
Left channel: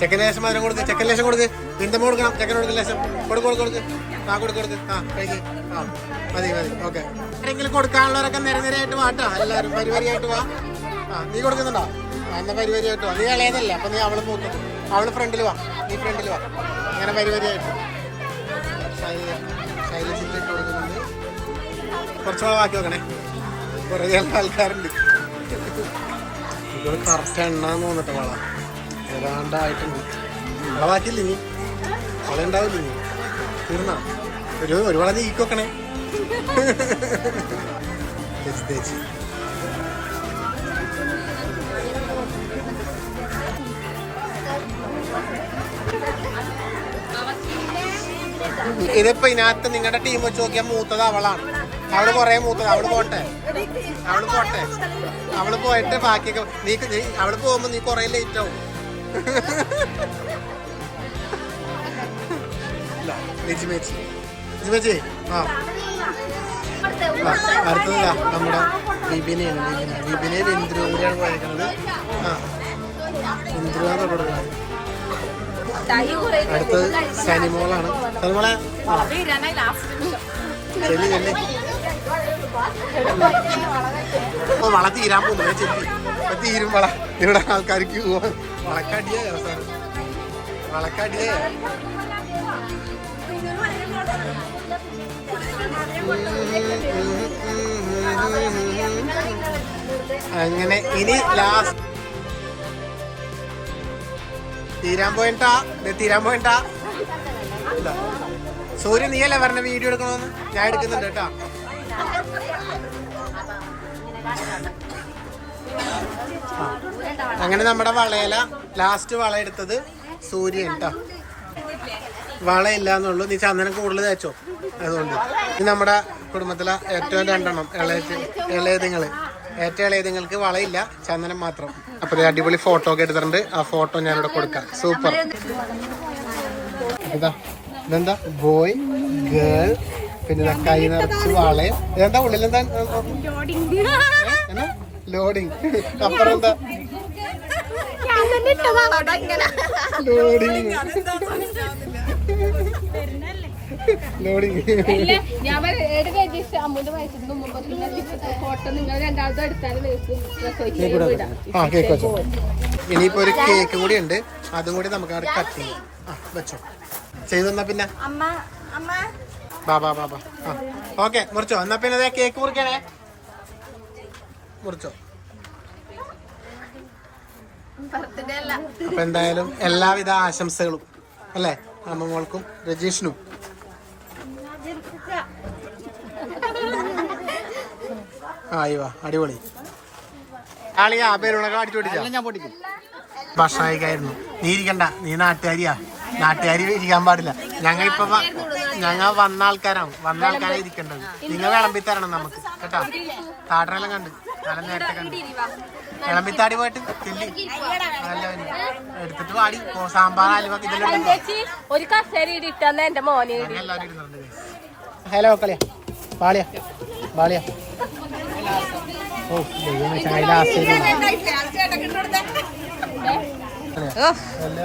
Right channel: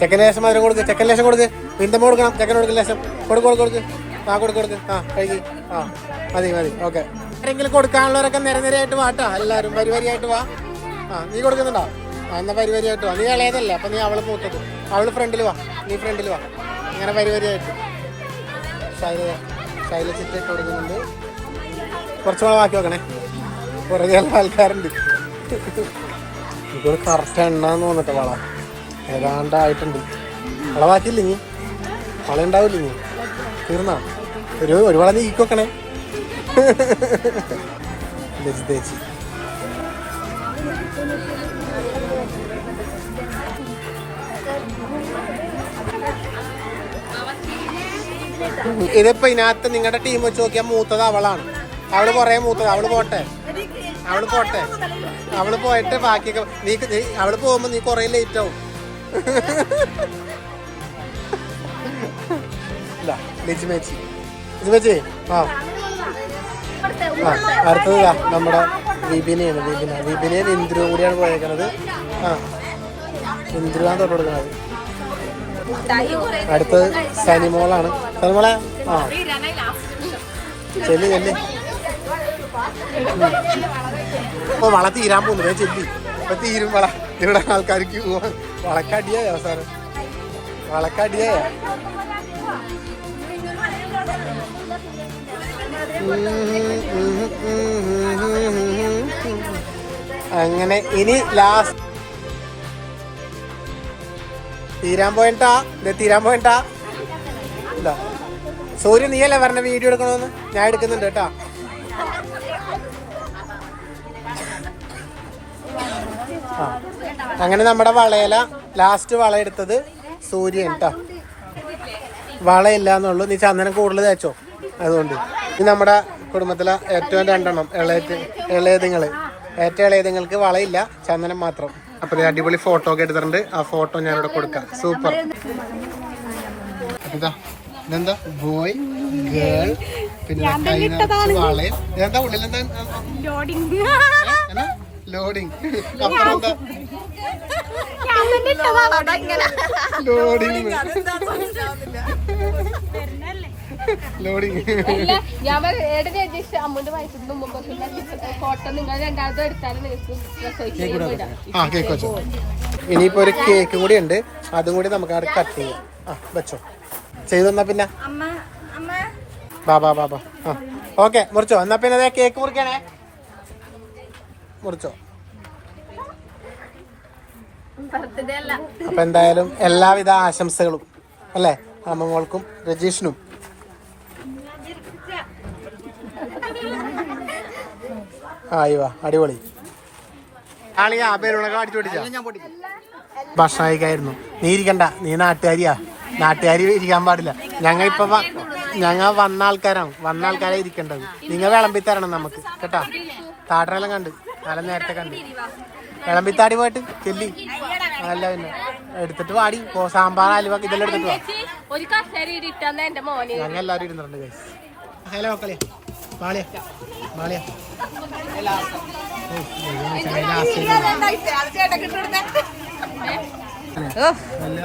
ചെക്കന് ലേശം മധുരം കൊടുക്ക്. ചെക്കൻ ലേശം കൊടുക്ക്. വിന്തമ്മ കൊടുക്കണം. ചെക്കൻ കൊടുക്ക് ലേശം. കൊടുക്ക്. കൊടുക്ക്. കഴിക്ക്. മതി. ഓക്കെ. ആരെങ്കിലും കൊടുക്കാനുള്ളവരൊക്കെ നിരനിരയായിട്ട് വാട്ടോ. എല്ലാവരും വരിവരിയായിട്ട് വാ. നീ കൊടുക്കുന്നുണ്ടോ? എന്നാ വരിവരിയായിട്ട് വാ. നീ ഇളയതല്ല, അപ്പൊ നീ അവള് മൂത്തത്. അവള് ഫ്രണ്ടിൽ വാ, നീ ഫ്രണ്ടിൽ വാ. ഇങ്ങനെ വരിവരിയായിട്ട് ശൈലച്ചിട്ട് ഇട്ട് കൊടുക്കുന്നുണ്ട്. കുറച്ച് മാറ്റി നോക്കണേ, കുറേ ആൾക്കാരുണ്ട്. ഇതൊരു കറക്റ്റ് എണ്ണാന്ന് തോന്നിട്ട് വള ഏതാണ്ടായിട്ടുണ്ട്. വള മാറ്റിയില്ല നീ, വള ഉണ്ടാവില്ല നീ. തീർന്നാ ഒരു വള നീക്കി വെക്കണേ. തേച്ചി ഇതിപ്പോ ഇതിനകത്ത് നിങ്ങളുടെ ടീം വെച്ച് നോക്കിയാൽ മൂത്തത് അവളാണ്. അവള് കൊറേ മൂത്തത്. അവള് പോട്ടെ. അവള് പോയിട്ട് ബാക്കിയൊക്കെ നീ അവള് പോകുമ്പോ നീ കൊറേ ലേറ്റ് ആവും. അടുത്തത് നമ്മുടെ വിപിനെയും ഇന്ദ്രു കൂടിയാണ് പോയേക്കുന്നത്. ഇന്ദ്രുവാണ് തൊട്ട് കൊടുക്കുന്നത്. അടുത്തത് സനിമോളാണ്. സനിമോളെ ചെല്ലി വള തീരാൻ പോകുന്നു. ചെല്ലി ഇപ്പൊ തീരും വള. ഇവിടെ ആൾക്കാർക്ക് പോവാൻ വളക്കടിയായ സാറ്, വളക്കടിയായ. അങ്ങനെ ഇനി ലാസ്റ്റ് തീരാൻ പോയിട്ടാ. എന്താ സൂര്യ നീയല്ലേ പറഞ്ഞ വീഡിയോ എടുക്കണമെന്ന്? ഞാൻ എടുക്കുന്നുണ്ട് കേട്ടാ. അങ്ങനെ നമ്മുടെ വളയില ലാസ്റ്റ് വള എടുത്തത് സൂര്യൻ കേട്ടാ. വളയില്ല എന്നുള്ളൂ. നീ ചന്ദനം കൂടുതൽ തേച്ചോ. അതുകൊണ്ട് ഇത് നമ്മുടെ കുടുംബത്തിലെ ഏറ്റവും 2 എണ്ണം ഏറ്റവും ഇളയതുങ്ങൾക്ക് വളയില്ല, ചന്ദനം മാത്രം. അപ്പൊ അടിപൊളി ഫോട്ടോ ഒക്കെ എടുത്തിട്ടുണ്ട്. ആ ഫോട്ടോ ഞാനിവിടെ കൊടുക്കാം. സൂപ്പർ. ഇതെന്താ ബോയ് ഗേൾ, പിന്നെ കൈ നിറച്ച് വളയും. ഇതെന്താ ഉള്ളിലെന്താ? ലോഡിങ്. അപ്പുറം എന്താ? ലോഡിങ്. ലോഡിങ്. ഞാൻ അമ്മൂന്റെ വയസ്സിന് മുമ്പ് ഫോട്ടോ നിങ്ങൾ രണ്ടാമതും എടുത്താലും ആ കേക്ക് വെച്ചോ. ഇനിയിപ്പോ ഒരു കേക്കും കൂടി ഉണ്ട്, അതും കൂടി നമുക്ക് അവിടെ കട്ട് ചെയ്യാം. ആ വെച്ചോ, ചെയ്തു തന്നാ പിന്നെ ബാബാ ബാബാ. ആ ഓക്കെ, മുറിച്ചോ. എന്നാ പിന്നെ അതെ കേക്ക് മുറിക്കണേ, മുറിച്ചോ. അപ്പൊ എന്തായാലും എല്ലാവിധ ആശംസകളും അല്ലേ അമ്മങ്ങൾക്കും രജീഷിനും. ആയിവാ, അടിപൊളി. ആളിയാ പേരുണൊക്കെ അടിച്ചു പൊട്ടിച്ച ഭക്ഷണം കഴിക്കായിരുന്നു. നീ ഇരിക്കണ്ട, നീ നാട്ടുകാരിയാ, നാട്ടുകാരി ഇരിക്കാൻ പാടില്ല. ഞങ്ങൾ വന്ന ആൾക്കാരെ ഇരിക്കേണ്ടത്. നിങ്ങൾ വിളമ്പി തരണം നമുക്ക് കേട്ടാ. താട്ടനെല്ലാം കണ്ട് നല്ല നേരത്തെ കണ്ട് വിളമ്പിത്താടി പോയിട്ട് ചെല്ലി അല്ല പിന്നെ എടുത്തിട്ട് വാടി സാമ്പാർ അലുവ ഇതെല്ലാം എടുത്തിട്ട് ഞങ്ങൾ എല്ലാവരും ഇരുന്നിട്ടുണ്ട്. ഹലോ കളിയാ ബാളിയാ ബാളിയാ. ഓ വലിയ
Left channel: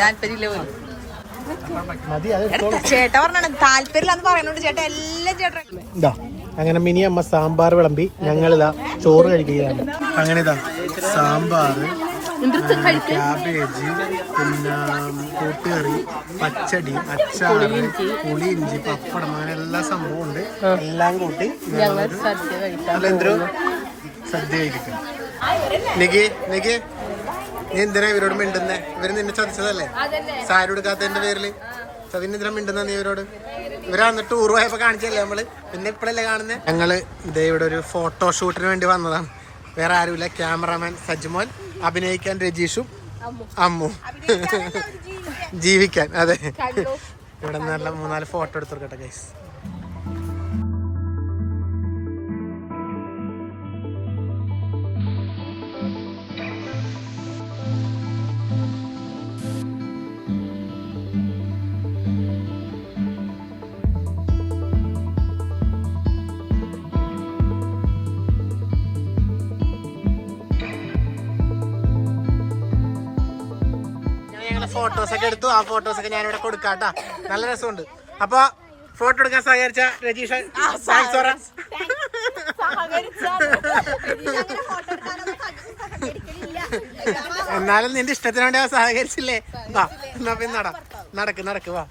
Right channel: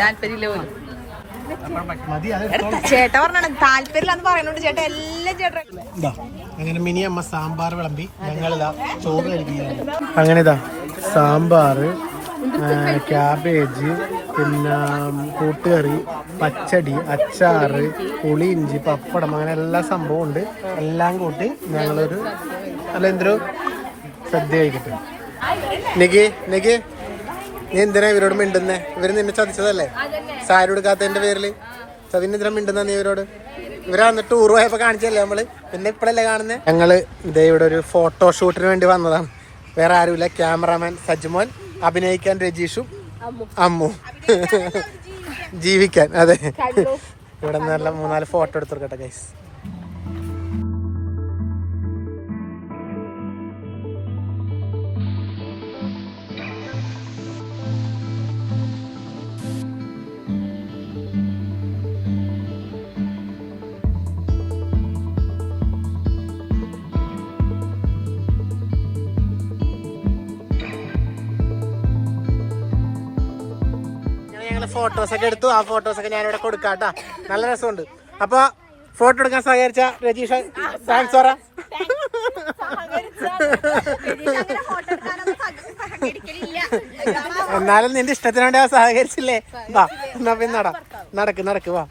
താല്പര്യമില്ല പോലും. മതി. ചേട്ട പറഞ്ഞാണ് താല്പര്യമില്ലാന്ന് പറയുന്നുണ്ട് ചേട്ടാ. എല്ലാം ചേട്ടാ. അങ്ങനെ മിനി അമ്മ സാമ്പാർ വിളമ്പി, ഞങ്ങളിതാ ചോറ് കഴിക്കുകയാണ്. അങ്ങനെ ഇതാ സാമ്പാർ, ക്യാബേജ്, പിന്നെ കൂട്ടുകറി, പച്ചടി, അച്ചാറ്, പുളി, ഇഞ്ചി, പപ്പടം, അങ്ങനെ എല്ലാ സംഭവം ഉണ്ട്. എല്ലാം കൂട്ടി ഞങ്ങളൊരു അല്ല എന്തോ സദ്യ കഴിക്കട്ടെ. നിക്ക് നീ എന്തിനാ ഇവരോട് മിണ്ടുന്നേ? ഇവര് നിന്നെ ചതിച്ചതല്ലേ സാരി കൊടുക്കാത്തതിന്റെ പേരില്? ചതിനെന്തിനാ മിണ്ടുന്ന നീ ഇവരോട്? ഇവരാ ടൂർ പോയപ്പോ കാണിച്ചല്ലേ നമ്മള്, പിന്നെ ഇപ്പഴല്ലേ കാണുന്നേ. ഞങ്ങള് ഇതേ ഇവിടെ ഒരു ഫോട്ടോഷൂട്ടിന് വേണ്ടി വന്നതാണ്. വേറെ ആരുമില്ല, ക്യാമറാമാൻ സജ്മോൻ, അഭിനയിക്കാൻ രജീഷും, അമ്മു, ജീവിക്കാൻ. അതെ, ഇവിടെ നല്ല 3-4 ഫോട്ടോ എടുത്തോട്ടെ ഗൈസ്. ഫോട്ടോസൊക്കെ എടുത്തു. ആ ഫോട്ടോസൊക്കെ ഞാനിവിടെ കൊടുക്കാട്ടാ, നല്ല രസമുണ്ട്. അപ്പൊ ഫോട്ടോ എടുക്കാൻ സഹകരിച്ച രജീഷ് താങ്ക്സ് പറ. എന്നാലും നിന്റെ ഇഷ്ടത്തിന് വേണ്ടി സഹകരിച്ചില്ലേ? വാ എന്നാ പിന്നെ നടക്ക് വാ.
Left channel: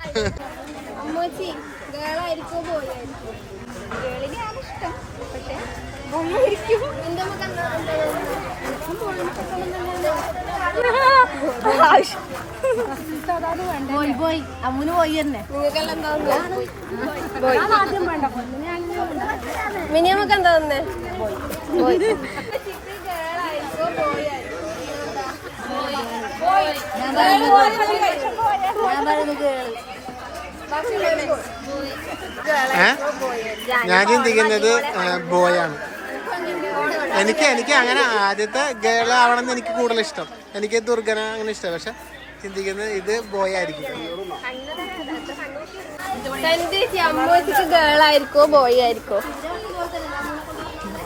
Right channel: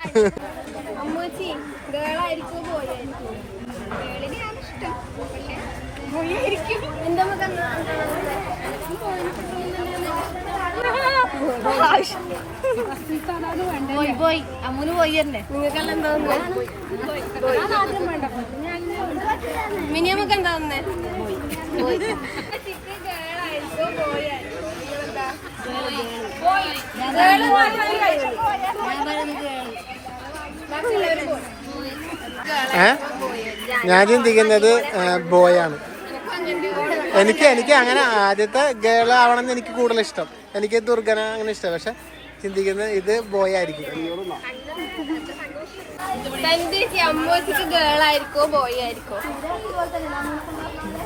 പോയി അമ്മൂന് പോയി തന്നെ. മിനിമക്ക് എന്താ തന്നെ ഞാൻ ചിന്തിക്കുന്നത് ബോയാണ്. എനിക്ക് അങ്ങനെ ആദ്യത്തെ ഗേൾ ആവണമെന്ന് എനിക്ക് കൂടുതൽ ഇഷ്ടം. എനിക്ക് ദുർഗന അങ്ങനെ ഇഷ്ടം. പക്ഷെ ചിന്തിക്കുന്നത് ഇത് ബോയ് ആയിരിക്കും. ഗേൾ ആയിരിക്കോ ബോയ് ആയിരിക്കോ?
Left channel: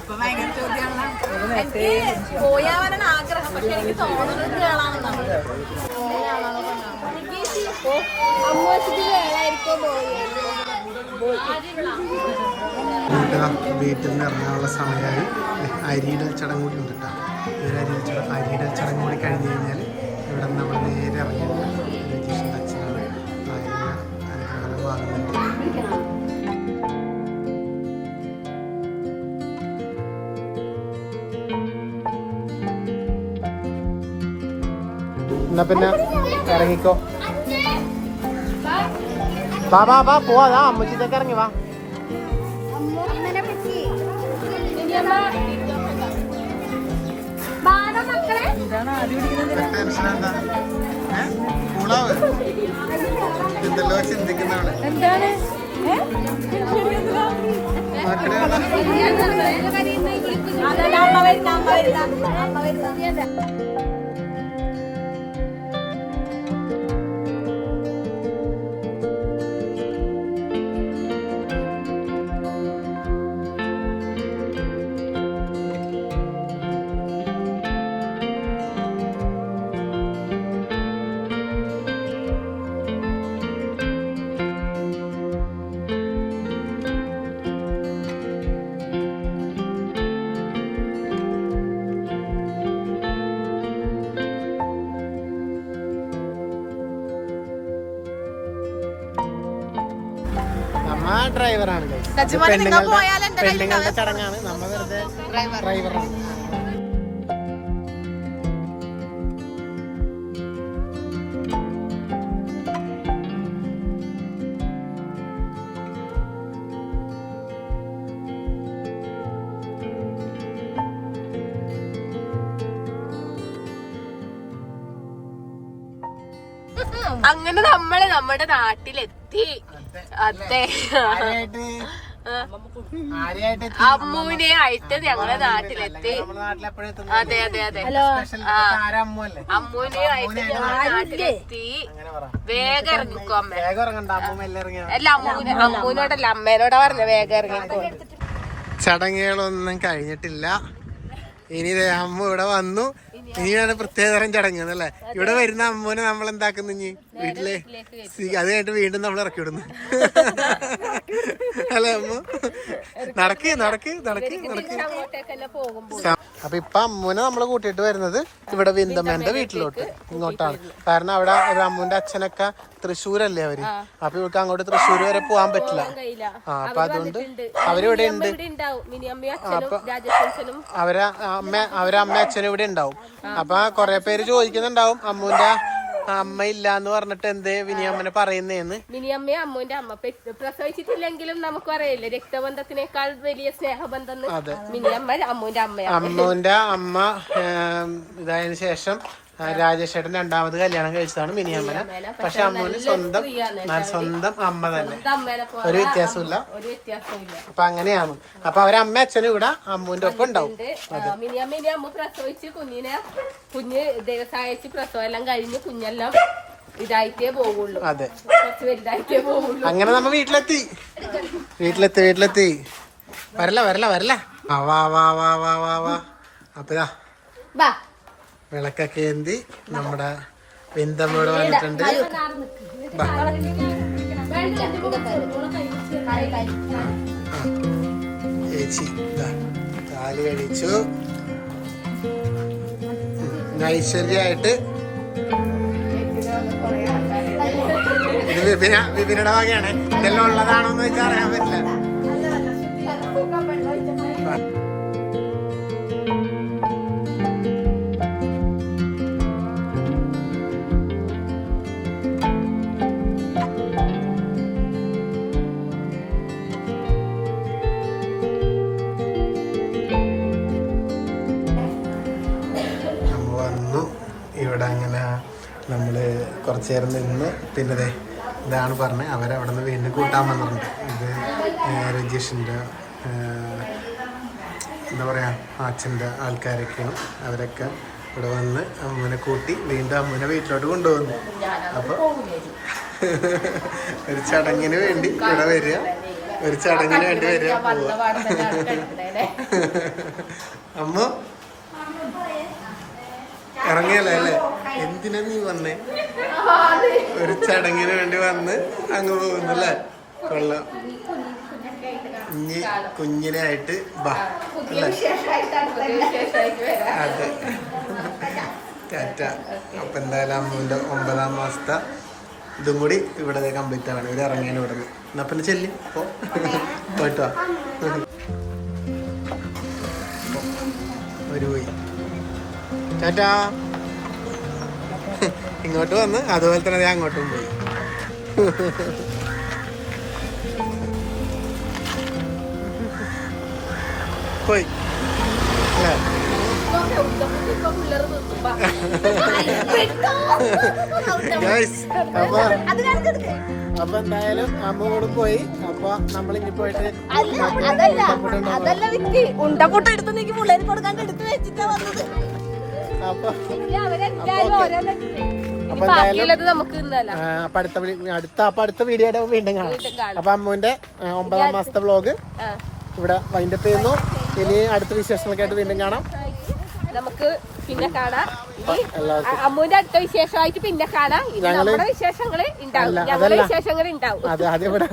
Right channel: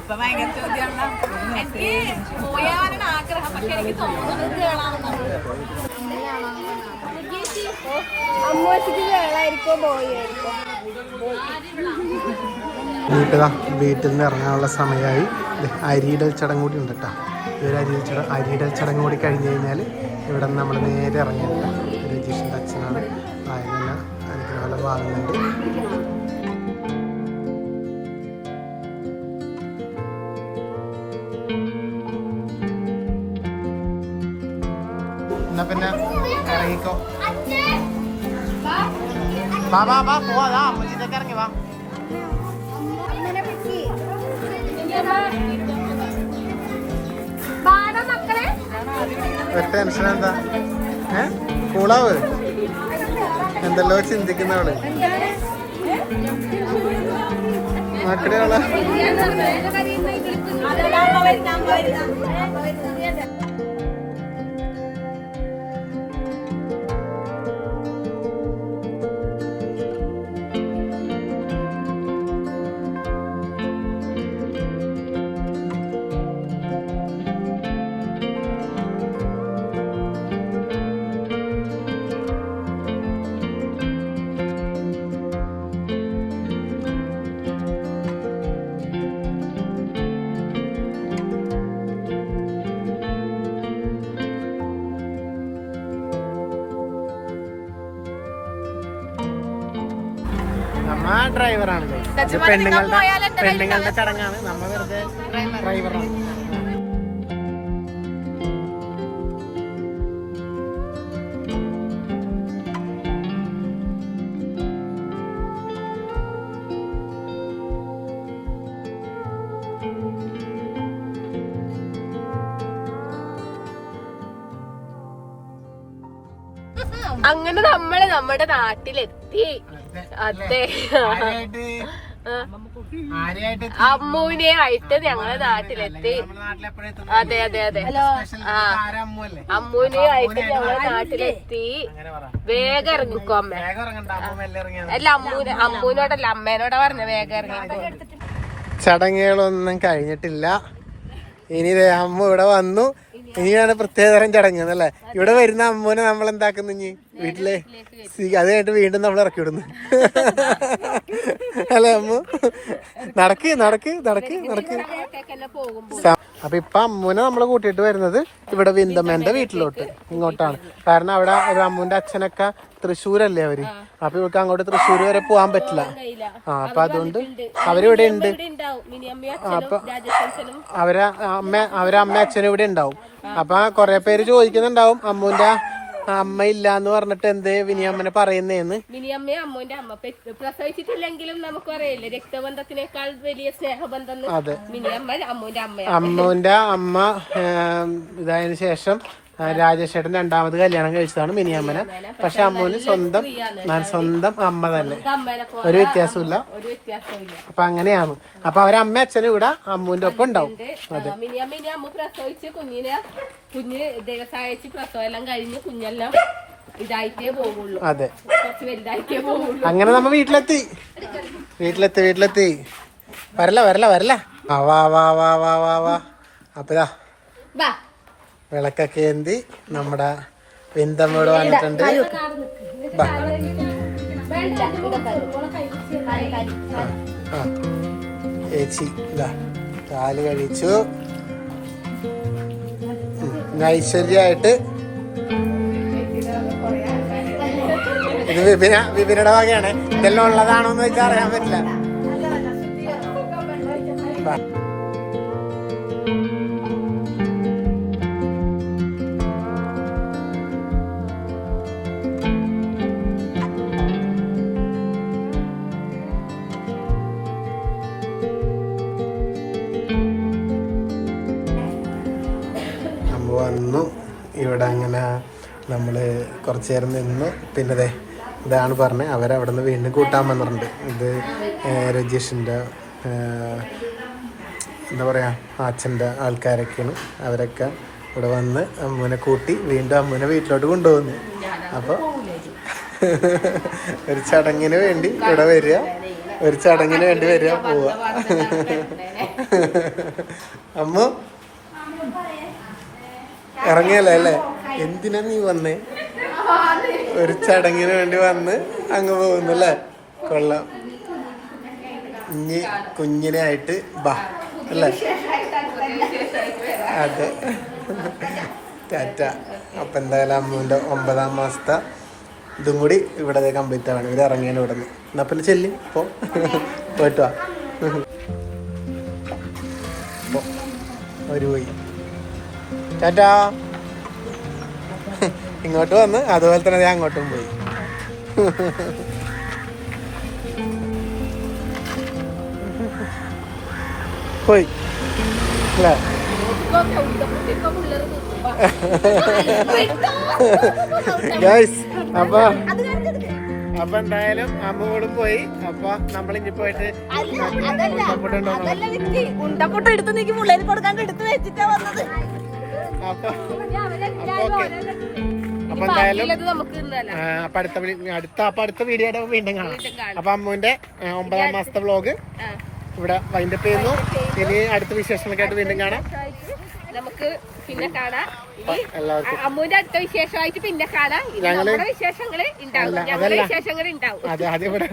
ഭയങ്കര ചോദ്യമാണ്. എനിക്ക് പോയാവാനാണ് ആഗ്രഹം, പക്ഷെ എനിക്ക് തോന്നുന്നത് കേളാണെന്നാണ്. അമ്മൂച്ചിക്ക് ഗേൾ ആയിരിക്കോ ബോയ് ആയിരിക്കോ? വീട്ടിൽ നിന്ന് ഇറങ്ങാനുള്ള സമയമായി. അരിയിടൽ ചടങ്ങ് കൂടി ഉണ്ട് കേട്ടോ. ഈ ഒരു അരിയിടൽ ചടങ്ങ് കൂടി കഴിഞ്ഞ് കഴിഞ്ഞാൽ ഇവിടെ നിന്ന് നമ്മൾ നേരെ ഇറങ്ങിയില്ല. രജീഷിൻ്റെ അച്ഛനാണ് ആയിരുന്ന അനുഗ്രഹം വാങ്ങുന്നുണ്ട്. എന്നാ പിന്നെ ഇറങ്ങിക്കോ. വാ പോവാ, അമ്മച്ചിട്ടൊക്കെ ഇറങ്ങി വാ. ടെൻഷൻ എന്താ? കൂളാവ് എന്തെല്ലോ ചിന്തിക്കുന്നവള് മക്കളെ. ആ ഡ്രൈവറാണ് പെണ്ണുങ്ങളുടെ ചടങ്ങാണ്, നമ്മ വെറുതെ ഡ്രൈവറാണ്. അങ്ങനെ നമ്മള് നമ്മുടെ നാട്ടിലെത്തി. അതെ, അമ്മുവിനെ ആയിട്ട് ഞങ്ങളെ നാട്ടിലെത്തി. അതെ അതെ അതെ, അമ്മുവിനെ ആയിട്ട് ഞങ്ങളെ നാട്ടിലെത്തി. വേഗം ഇറങ്ങിക്കോ അമ്മ. അല്ല അമ്മൂനോടല്ല അമ്മേനോടാ പറഞ്ഞ വേഗം ഇറങ്ങിക്കോ. ചടങ്ങുകളൊന്നും കഴിഞ്ഞിട്ടില്ല. ഇനി അമ്മ ഇവിടെ വന്നു. ഇനിയാണ് പ്രത്യേകതരം ചടങ്ങ് അല്ലേ. ഇവിടെ വരുന്ന അമ്മൂനെ നമ്മൾ എന്താക്കുന്നു ഇനി വീട്ടില് അത് കഴിഞ്ഞിട്ട് വീണ്ടും നമ്മൾ ഇറക്കി വിടുന്നു അല്ലെ അമ്മ. നടക്ക് നടക്ക് നടക്ക് നടക്ക്. അപ്പൊ ഇപ്പൊ അമ്മൂനെ നമ്മള് കൂട്ടിയിട്ട് വരുന്നത് ഇവിടെ വിന്തമ്മേന്റെ വീട്ടിലോട്ട് ഇങ്ങോട്ടാണ്. കാരണം അവിടെ അമ്മൂന്റെ അച്ഛനൊക്കെ തൃശ്ശൂരല്ലേ അവര്. അപ്പൊ ഇവർക്ക് അങ്ങോട്ട് തൃശ്ശൂർ വരെ പോകാൻ പറ്റില്ല. അപ്പൊ അതുകൊണ്ട് അവരിവിടെ ഉണ്ട്. അവരെ അമ്മ അച്ഛനും ഇവിടെ ഉണ്ടാവും. അപ്പൊ കൊറേ പേര് ചോദിക്കുന്നുണ്ടാവും അമ്മൂന്റെ അമ്മ ഇല്ലാന്ന് പറഞ്ഞിട്ട് എന്തേ വിനിയമ്മനെ പറയുന്നേന്ന്. വിനിയമ്മയെ അമ്മൂന്റെ അമ്മ പ്രസവിച്ചിട്ടില്ലെങ്കിലും നമുക്ക് അറിയില്ലേ രക്തബന്ധത്തിനേക്കാൾ വലിയ സ്നേഹബന്ധം വിനിയമ്മ അമ്മൂന്റെ അമ്മയാണ്. അമ്മൂന്റെ അമ്മ ഇതായതിനു ശേഷം രാജേഷേട്ടൻ രണ്ടാമത് കല്യാണം കഴിച്ചതാണ് മിനിയമ്മനെ. പക്ഷെ അമ്മൂന് സ്വന്തം അമ്മ തന്നെ, ഒരു വ്യത്യാസമില്ല. അപ്പൊ അങ്ങനെയാണ്. അപ്പൊ അവരമ്മ അച്ഛനും ഇവിടെ അമ്മൂന്റെ ഒപ്പം ഉണ്ടാവും. മിനിയമ്മ അമ്മ പ്രസവിച്ച് കുഞ്ഞ് ദിവസമായിച്ച് പ്രസവം എല്ലാം കഴിഞ്ഞ് കുഞ്ഞെല്ലാം ഇതായിട്ടേ പോവുള്ളൂ. അതെ, കുറച്ച് വലുതായിട്ടേ പോവുള്ളൂ. അങ്ങനെ നമ്മ വീട്ടിലെത്തി. വരല വാ വാ വാ വാ വാ വാ. അപ്പഴാ വിളക്കൊക്കെ ഏന്തി നമ്മുടെ വിന്തമ്മോട് വന്നിട്ടുണ്ട്. ചേച്ചി കാല് കഴിച്ചു. ഐശ്വര്യായിട്ട് ഇത് വിപിനുടെ വകയാണ്. ഇതെല്ലാം ഉള്ളതാണോന്ന് വെച്ചാൽ അറിയാൻ പറ്റില്ല. വന്നു ഇവിടെ. അങ്ങനെ നമ്മള് കുറച്ചു നേരം നിന്നു. പിന്നെ ഇതാണ് പറഞ്ഞത്, അവരവിടെ നിന്ന് വീണ്ടും കൂട്ടാൻ വന്നിട്ടുണ്ട്. ഇത് രജീഷിൻ്റെ എന്താ പറയുക അച്ഛൻ്റെ ആൾക്കാരൊക്കെയാണ്. അവരൊക്കെ ഇവിടെ വന്ന് അമ്മൂനെ കൂട്ടി വീണ്ടും അമ്മൂനെ വീട്ടിലോട്ട് കൊണ്ടുപോകുന്നു. അപ്പോൾ ഒരു ചടങ്ങിന് വേണ്ടി ഇവിടെ വരിക, ഒരു ചടങ്ങിന് വേണ്ടി വരിക, പോവുക. അമ്മ ഇറങ്ങിയല്ലേ അല്ലേ? എന്തിനാ നീ വന്നേ? ഒരു ചടങ്ങിന് വേണ്ടി വന്ന് അങ്ങ് പോകുന്നു അല്ലേ? കൊള്ളാം. ഇനി കുഞ്ഞിനെ ആയിട്ട് ബാ അല്ലേ? അതെ, ടാറ്റ. അപ്പൊ എന്തായാലും അമ്മുവിന്റെ 9ാം മാസത്തെ ഇതും കൂടി ഇവിടെ കംപ്ലീറ്റ് ആവാണ്. ഇവര് ഇറങ്ങിയാണ് ഇവിടെ നിന്ന്. എന്നാ പിന്നെ ചെല്ലി പോയിട്ട് വാ. ഒരു പോയി ടാറ്റാ. ഇങ്ങോട്ട് വന്ന് അതുപോലെ തന്നെ ഞാൻ അങ്ങോട്ടും പോയി. പോയി അല്ലേ? അപ്പൊ എന്തായാലും അമ്മോടും പോയി. അപ്പൊ നമ്മളിഞ്ഞി പോയിട്ട് അപ്പൊ എന്തായാലും അടുത്ത വീഡിയോ വീണ്ടും കാണാം. അപ്പൊ അമ്മുവിന്റെ 9ാം മാസത്തെ വ്ലോഗ് ഇവിടെ വൈൻഡപ്പ് ചെയ്യുന്നു. ഇനി അടുത്ത വിശേഷങ്ങളൊക്കെ ആയിട്ട് വീണ്ടും കാണാം. നമുക്ക് പിന്നെ കാണാം. അമ്മുവിന്റെ അടുത്ത വിശേഷമായിട്ട് പിന്നെ കാണാം. നമ്മുടെ വിശേഷങ്ങൾ ഉണ്ടാവും. അതെ, അതിവിടെ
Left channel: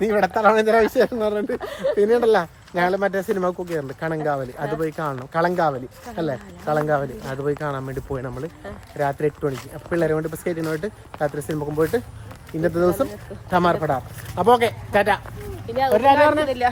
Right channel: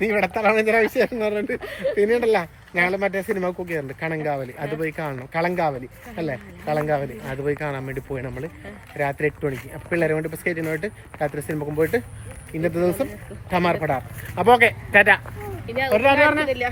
നീ ഇവിടെ തളമേന്ദ്ര വിശേഷം എന്ന് പറഞ്ഞിട്ട് പിന്നെ ഉണ്ടല്ലോ. ഞങ്ങൾ മറ്റേ സിനിമ കുക്കിയുണ്ട് കണങ്കാവലി, അത് പോയി കാണണം. കളങ്കാവലി അല്ലേ? കളങ്കാവലി അത് പോയി കാണാൻ വേണ്ടി പോയി നമ്മള് രാത്രി 8 മണിക്ക്. അപ്പൊ പിള്ളേരെ കൊണ്ട് ഇപ്പൊ സ്കേറ്റിന് പോയിട്ട് രാത്രി സിനിമക്കും പോയിട്ട് ഇന്നത്തെ ദിവസം ടമാർ പടാർ. അപ്പൊ ഓക്കെ ടാറ്റ. ഇനി ഒരു ടാറ്റ പറഞ്ഞേ. ഇല്ല